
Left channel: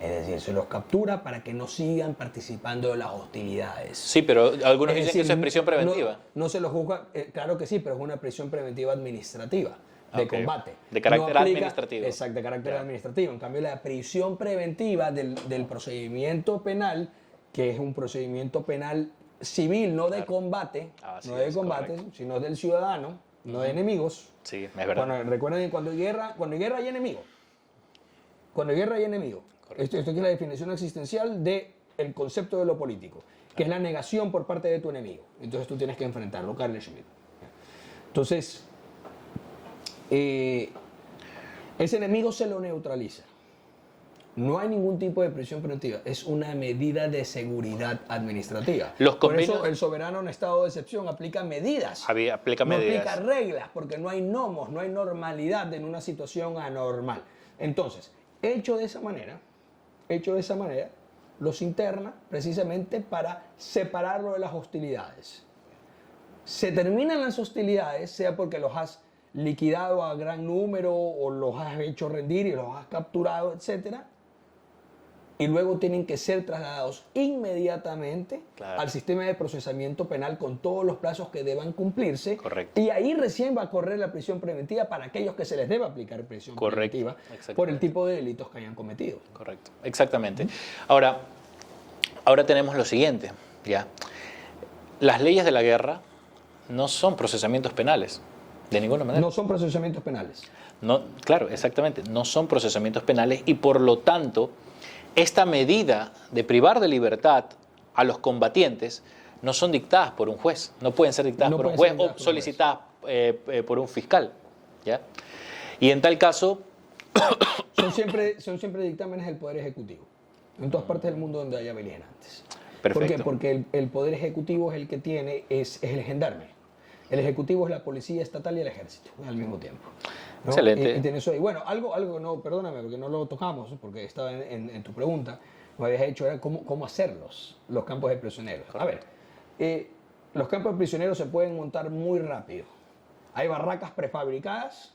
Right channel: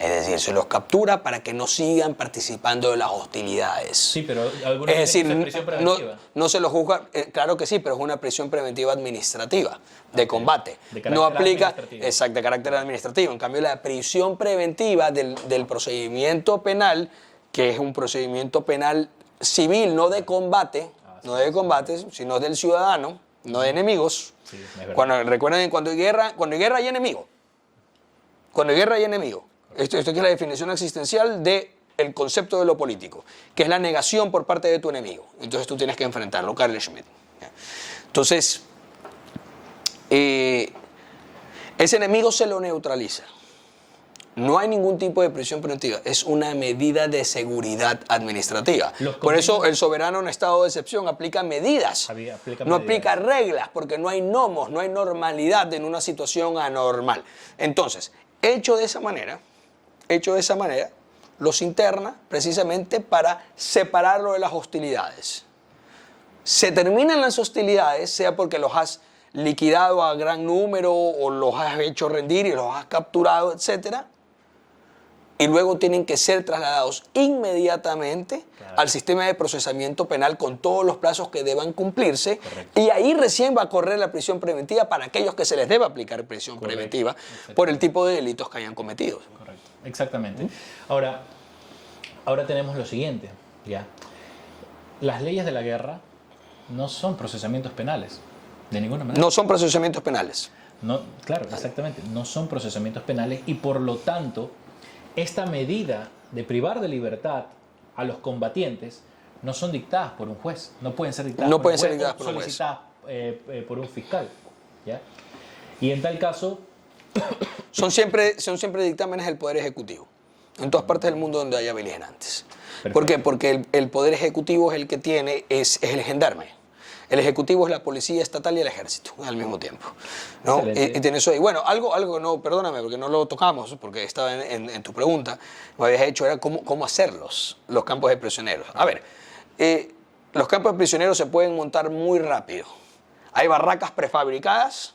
Es decir, se los captura para que no sigan participando de las hostilidades. Sí, pero algunos dicen que es prisión preventiva. No se los juzga, claro que sí, pero es una prisión preventiva administrativa, de combate. De carácter administrativo. Exacto, de carácter administrativo. En cambio, la prisión preventiva del procedimiento penal, que es un procedimiento penal civil, no de combate, sino del ciudadano, no de enemigos. Sí, es verdad. Recuerden, cuando hay guerra hay enemigo. Cuando hay guerra hay enemigo. Esto es la definición existencial del concepto de lo político, que es la negación por parte de tu enemigo. Entonces tú tienes que enfrentarlo, Carl Schmitt. Entonces, ese enemigo se lo neutraliza. No hay ningún tipo de prisión preventiva, es una medida de seguridad administrativa. Por eso el soberano en estado de excepción aplica medidas, no aplica reglas, porque no hay nomos, no hay normalidad en una situación anormal. Entonces, hecho de esa manera, hecho de esa manera, los interna precisamente para separarlo de las hostilidades. Se terminan las hostilidades, sea porque los has liquidado a gran número o los has hecho rendir y los has capturado, etcétera, y luego tienen que ser trasladados inmediatamente al sistema de procesamiento penal con todos los plazos que deban cumplirse. Correcto. Y ahí recién va a correr la prisión preventiva para aquellos que se les deba aplicar prisión preventiva por el tipo de delitos que hayan cometido. Correcto, exactamente. Ahora tenemos lo siguiente, ¿ya? Las leyes de la guerra no son procesamientos penales, de ninguna manera. No son procesamientos penales. No, claro, exactamente, no son procesamientos penales y por lo tanto esta medida de privar de libertad a los combatientes no son dictadas por un juez, no pueden ser dictadas por un juez o solicitadas por un fiscal, ¿ya? Y en tal caso son siempre dictámenes del Poder Ejecutivo, en todas partes del mundo donde haya beligerantes. Perfecto. ¿Por qué? Porque el Poder Ejecutivo es el que tiene, es el gendarme. El Ejecutivo es la Policía Estatal y el Ejército al mismo tiempo, ¿no? Excelente. Y tienes eso ahí. Bueno, algo no, perdóname, porque no lo tocamos, porque estaba en tu pregunta, me habías hecho, era cómo hacerlos, los campos de prisioneros. A ver, los campos de prisioneros se pueden montar muy rápido. Hay barracas prefabricadas,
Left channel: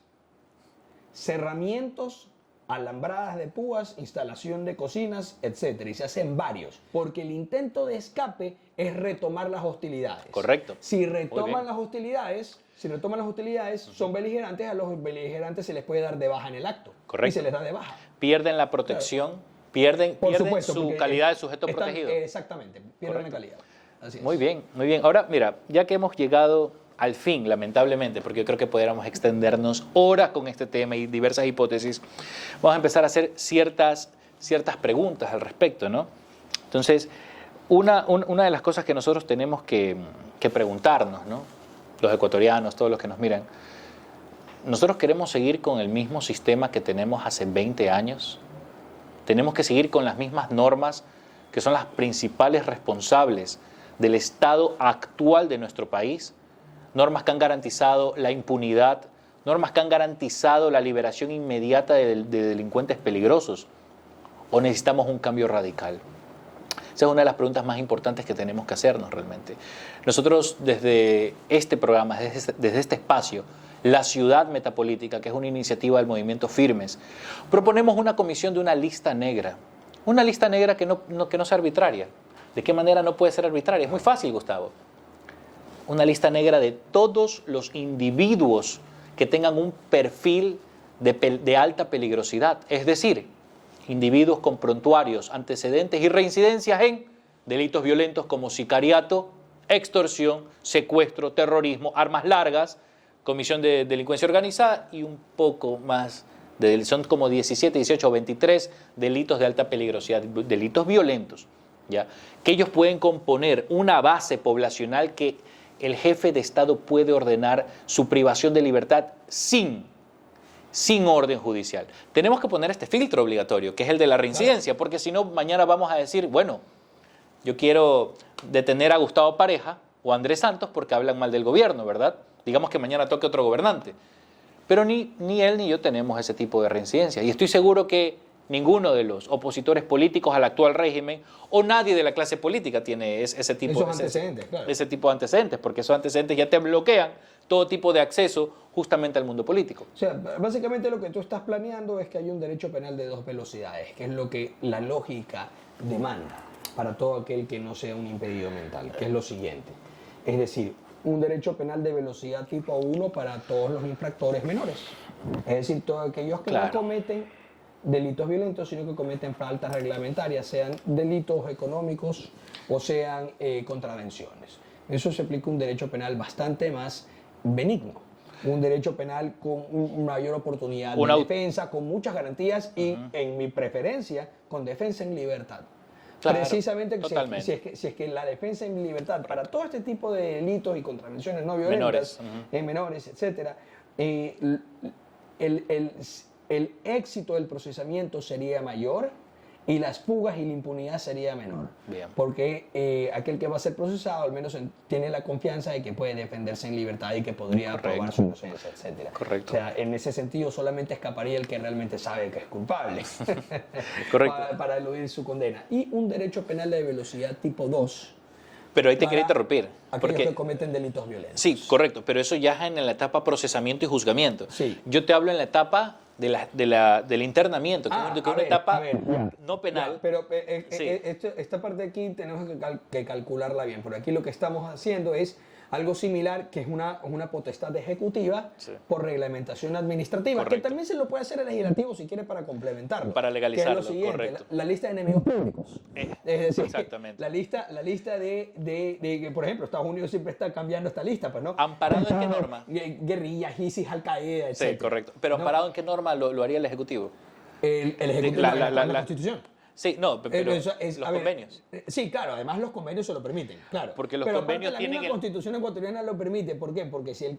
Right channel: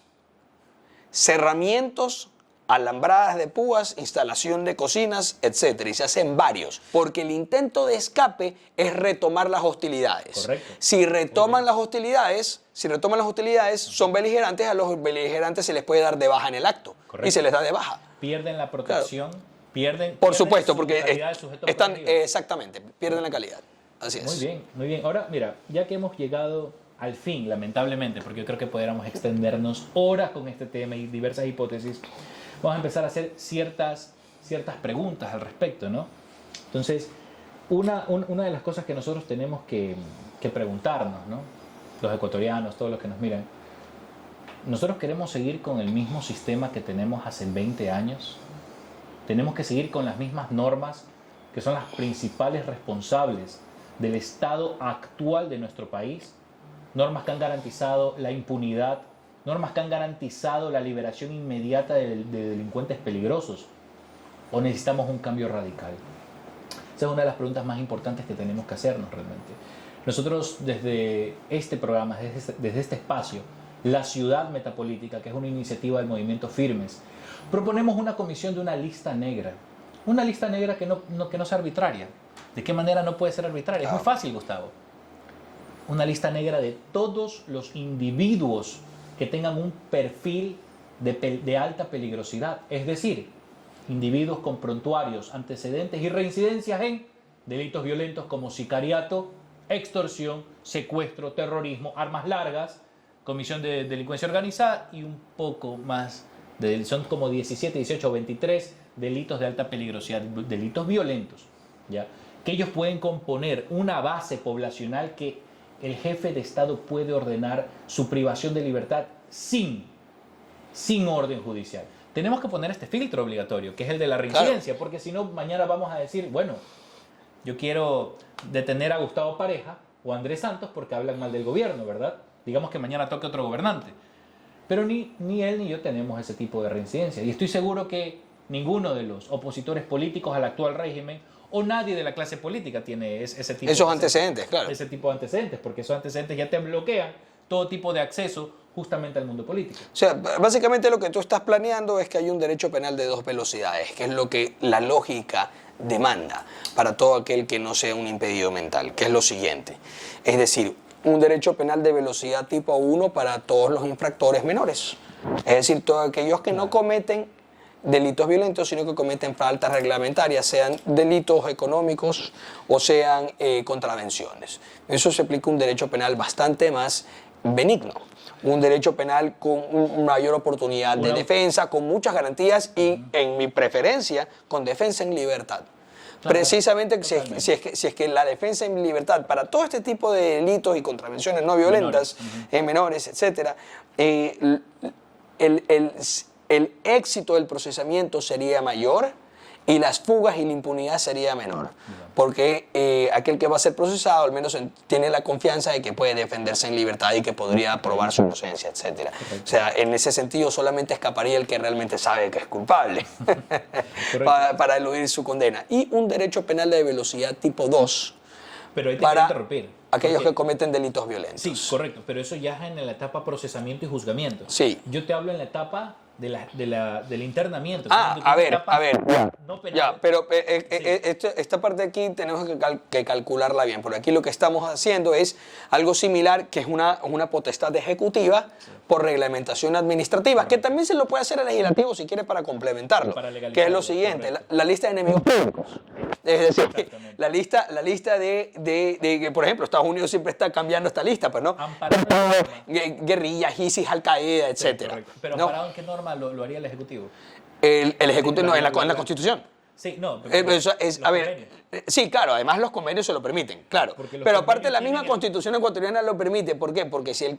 cerramientos, alambradas de púas, instalación de cocinas, etcétera, y se hacen varios, porque el intento de escape es retomar las hostilidades. Correcto. Si retoman las hostilidades, son beligerantes, a los beligerantes se les puede dar de baja en el acto. Correcto. Y se les da de baja. pierden la protección, pierden Por supuesto, su porque calidad de sujeto están, protegido. exactamente, pierden la calidad. Así es. Muy bien, muy bien. Ahora, mira, ya que hemos llegado al fin, lamentablemente, porque yo creo que podríamos extendernos horas con este tema y diversas hipótesis, vamos a empezar a hacer ciertas preguntas al respecto, ¿no? Entonces, una de las cosas que nosotros tenemos que preguntarnos, ¿no? Los ecuatorianos, todos los que nos miran, ¿nosotros queremos seguir con el mismo sistema que tenemos hace 20 años? ¿Tenemos que seguir con las mismas normas que son las principales responsables del estado actual de nuestro país? Normas que han garantizado la impunidad, normas que han garantizado la liberación inmediata de delincuentes peligrosos. ¿O necesitamos un cambio radical? Esa es una de las preguntas más importantes que tenemos que hacernos realmente. Nosotros desde este programa, desde este espacio, La Ciudad Metapolítica, que es una iniciativa del movimiento Firmes, proponemos una comisión de una lista negra. Una lista negra que no sea arbitraria. ¿De qué manera no puede ser arbitraria? Es muy fácil, Gustavo. Una lista negra de todos los individuos que tengan un perfil de alta peligrosidad. Es decir, individuos con prontuarios, antecedentes y reincidencias en delitos violentos como sicariato, extorsión, secuestro, terrorismo, armas largas, comisión de delincuencia organizada y un poco más. Son como 17, 18 o 23 delitos de alta peligrosidad, delitos violentos, ¿ya? Que ellos pueden componer una base poblacional que el jefe de Estado puede ordenar su privación de libertad sin orden judicial. Tenemos que poner este filtro obligatorio, que es el de la reincidencia, porque si no, mañana vamos a decir, bueno, yo quiero detener a Gustavo Pareja o a Andrés Santos porque hablan mal del gobierno, ¿verdad? Digamos que mañana toque otro gobernante. Pero ni él ni yo tenemos ese tipo de reincidencia. Y estoy seguro que ninguno de los opositores políticos al actual régimen o nadie de la clase política tiene ese tipo esos antecedentes, claro. Ese tipo de antecedentes, porque esos antecedentes ya te bloquean todo tipo de acceso justamente al mundo político. O sea, básicamente lo que tú estás planeando es que hay un derecho penal de dos velocidades, que es lo que la lógica demanda para todo aquel que no sea un impedido mental, que es lo siguiente. Es decir, un derecho penal de velocidad tipo 1 para todos los infractores menores. Es decir, todos aquellos que no cometen delitos violentos, sino que cometen faltas reglamentarias, sean delitos económicos o sean contravenciones. Eso se aplica un derecho penal bastante más benigno, un derecho penal con mayor oportunidad de defensa, con muchas garantías y, en mi preferencia, con defensa en libertad. Claro, precisamente si es que la defensa en libertad para todo este tipo de delitos y contravenciones no violentas, menores, etcétera, el éxito del procesamiento sería mayor, y las fugas y la impunidad sería menor. Bien. Porque aquel que va a ser procesado al menos tiene la confianza de que puede defenderse en libertad y que podría probar su inocencia, etc. Correcto. O sea, en ese sentido solamente escaparía el que realmente sabe que es culpable para eludir su condena. Y un derecho penal de velocidad tipo 2 Pero ahí te quiero interrumpir. aquellos porque- que cometen delitos violentos. Sí, correcto, pero eso ya es en la etapa procesamiento y juzgamiento. Sí. Yo te hablo en la etapa del internamiento. Ah, que es a una ver, etapa ya. no penal. Ya, pero Sí. esta parte aquí tenemos que calcularla bien, porque aquí lo que estamos haciendo es algo similar, que es una potestad ejecutiva por reglamentación administrativa, que también se lo puede hacer el legislativo si quiere para complementarlo. Para que es legalizarlo, lo siguiente, correcto. la lista de enemigos públicos. Es decir, Exactamente. la lista de, por ejemplo, Estados Unidos siempre está cambiando esta lista, pues, ¿no? Amparado en qué norma. Guerrillas, ISIS, Al-Qaeda, Sí, etc. correcto. Pero amparado en qué norma lo haría el Ejecutivo. El Ejecutivo no, en la la- Constitución. Sí, no, pero Eso es, los a ver, convenios. sí, claro, además los convenios se lo permiten, claro. Porque los Pero aparte convenios la misma tienen- Constitución ecuatoriana lo permite. ¿Por qué? Porque si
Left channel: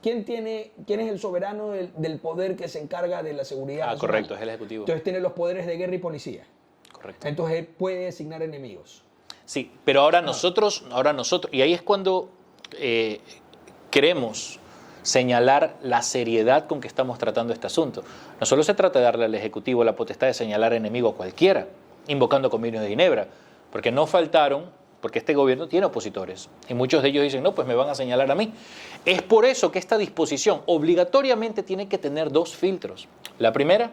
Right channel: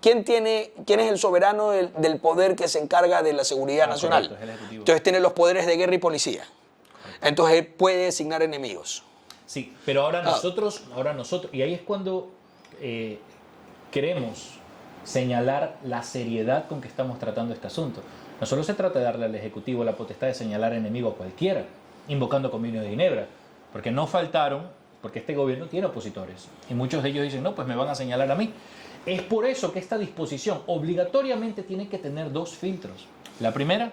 ¿quién es el soberano del poder que se encarga de la seguridad nacional? correcto, es el Ejecutivo. Entonces tiene los poderes de guerra y policía. Correcto. Entonces él puede designar enemigos. Sí, pero ahora nosotros, y ahí es cuando queremos señalar la seriedad con que estamos tratando este asunto. No solo se trata de darle al Ejecutivo la potestad de señalar enemigo a cualquiera, invocando convenios de Ginebra, porque no faltaron, porque este gobierno tiene opositores, y muchos de ellos dicen, no, pues me van a señalar a mí. Es por eso que esta disposición obligatoriamente tiene que tener dos filtros. La primera,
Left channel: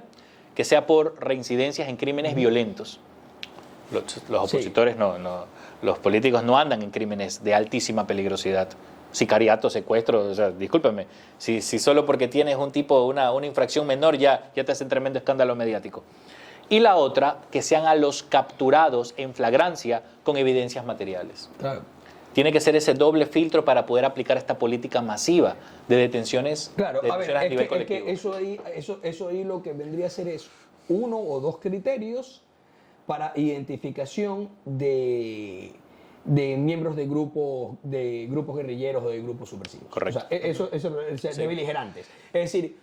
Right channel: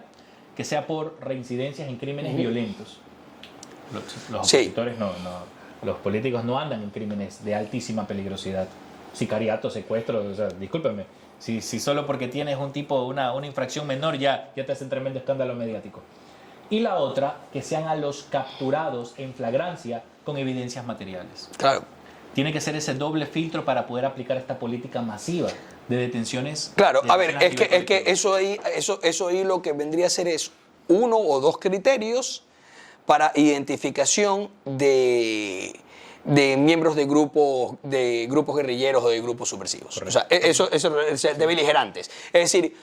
que sea por reincidencias en crímenes violentos. Los Sí. opositores los políticos no andan en crímenes de altísima peligrosidad. Sicariato, secuestro, o sea, discúlpeme, si solo porque tienes una infracción menor ya te hacen tremendo escándalo mediático. Y la otra, que sean a los capturados en flagrancia con evidencias materiales. Claro. Tiene que ser ese doble filtro para poder aplicar esta política masiva de detenciones. Claro, de a ver, detenciones es nivel que colectivo. eso ahí lo que vendría a ser es uno o dos criterios para identificación de miembros de grupos guerrilleros o de grupos subversivos. Correcto. O sea, eso de beligerantes. Es decir,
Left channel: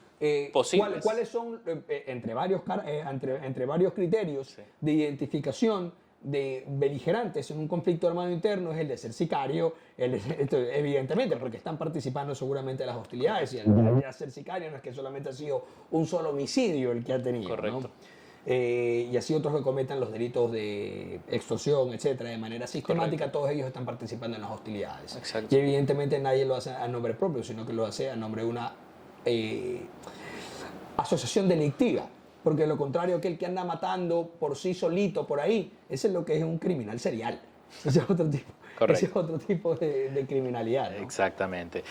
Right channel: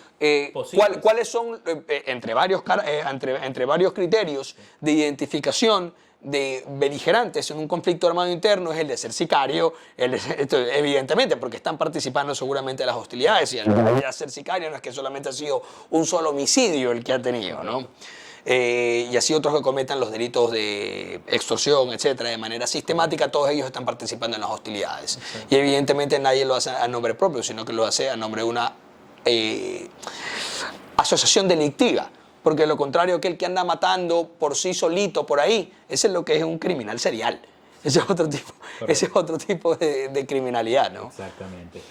Posibles. ¿cuáles son, entre varios criterios de identificación de beligerantes en un conflicto armado interno? Es el de ser sicario, evidentemente, porque están participando seguramente de las hostilidades, y al ser sicario no es que solamente ha sido un solo homicidio el que ha tenido, ¿no? Y así otros que cometan los delitos de extorsión, etcétera, de manera sistemática, todos ellos están participando en las hostilidades. Exacto. Y evidentemente nadie lo hace a nombre propio, sino que lo hace a nombre de una asociación delictiva. Porque lo contrario, aquel que anda matando por sí solito por ahí, ese es lo que es un criminal serial. Ese es otro tipo, de criminalidad, ¿no? Exactamente.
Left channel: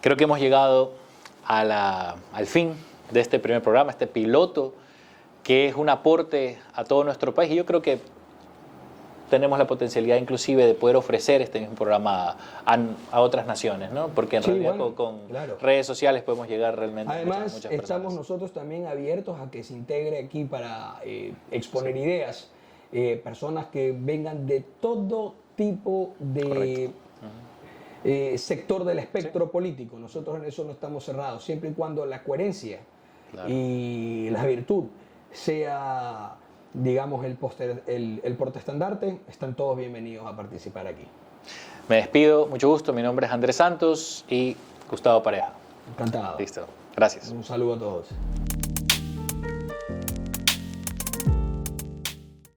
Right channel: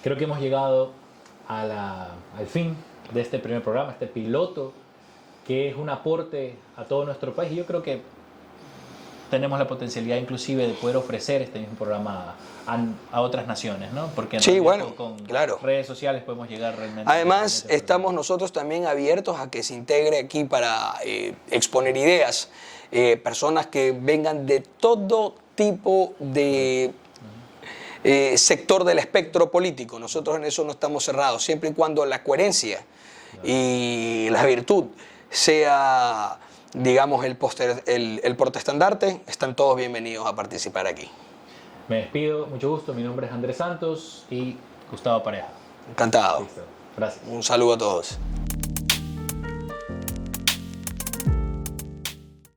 Creo que hemos llegado al fin de este primer programa, este piloto, que es un aporte a todo nuestro país. Y yo creo que tenemos la potencialidad inclusive de poder ofrecer este mismo programa a otras naciones, ¿no? Porque en Sí, realidad bueno, con claro. redes sociales podemos llegar realmente a Además, muchas estamos personas. nosotros también abiertos a que se integre aquí para exponer ideas, personas que vengan de todo tipo de sector del espectro político. Nosotros en eso no estamos cerrados, siempre y cuando la coherencia y la virtud sea, digamos, el portaestandarte, están todos bienvenidos a participar aquí. Me despido, mucho gusto. Mi nombre es Andrés Santos y Gustavo Pareja. Encantado. Listo. Gracias. Un saludo a todos.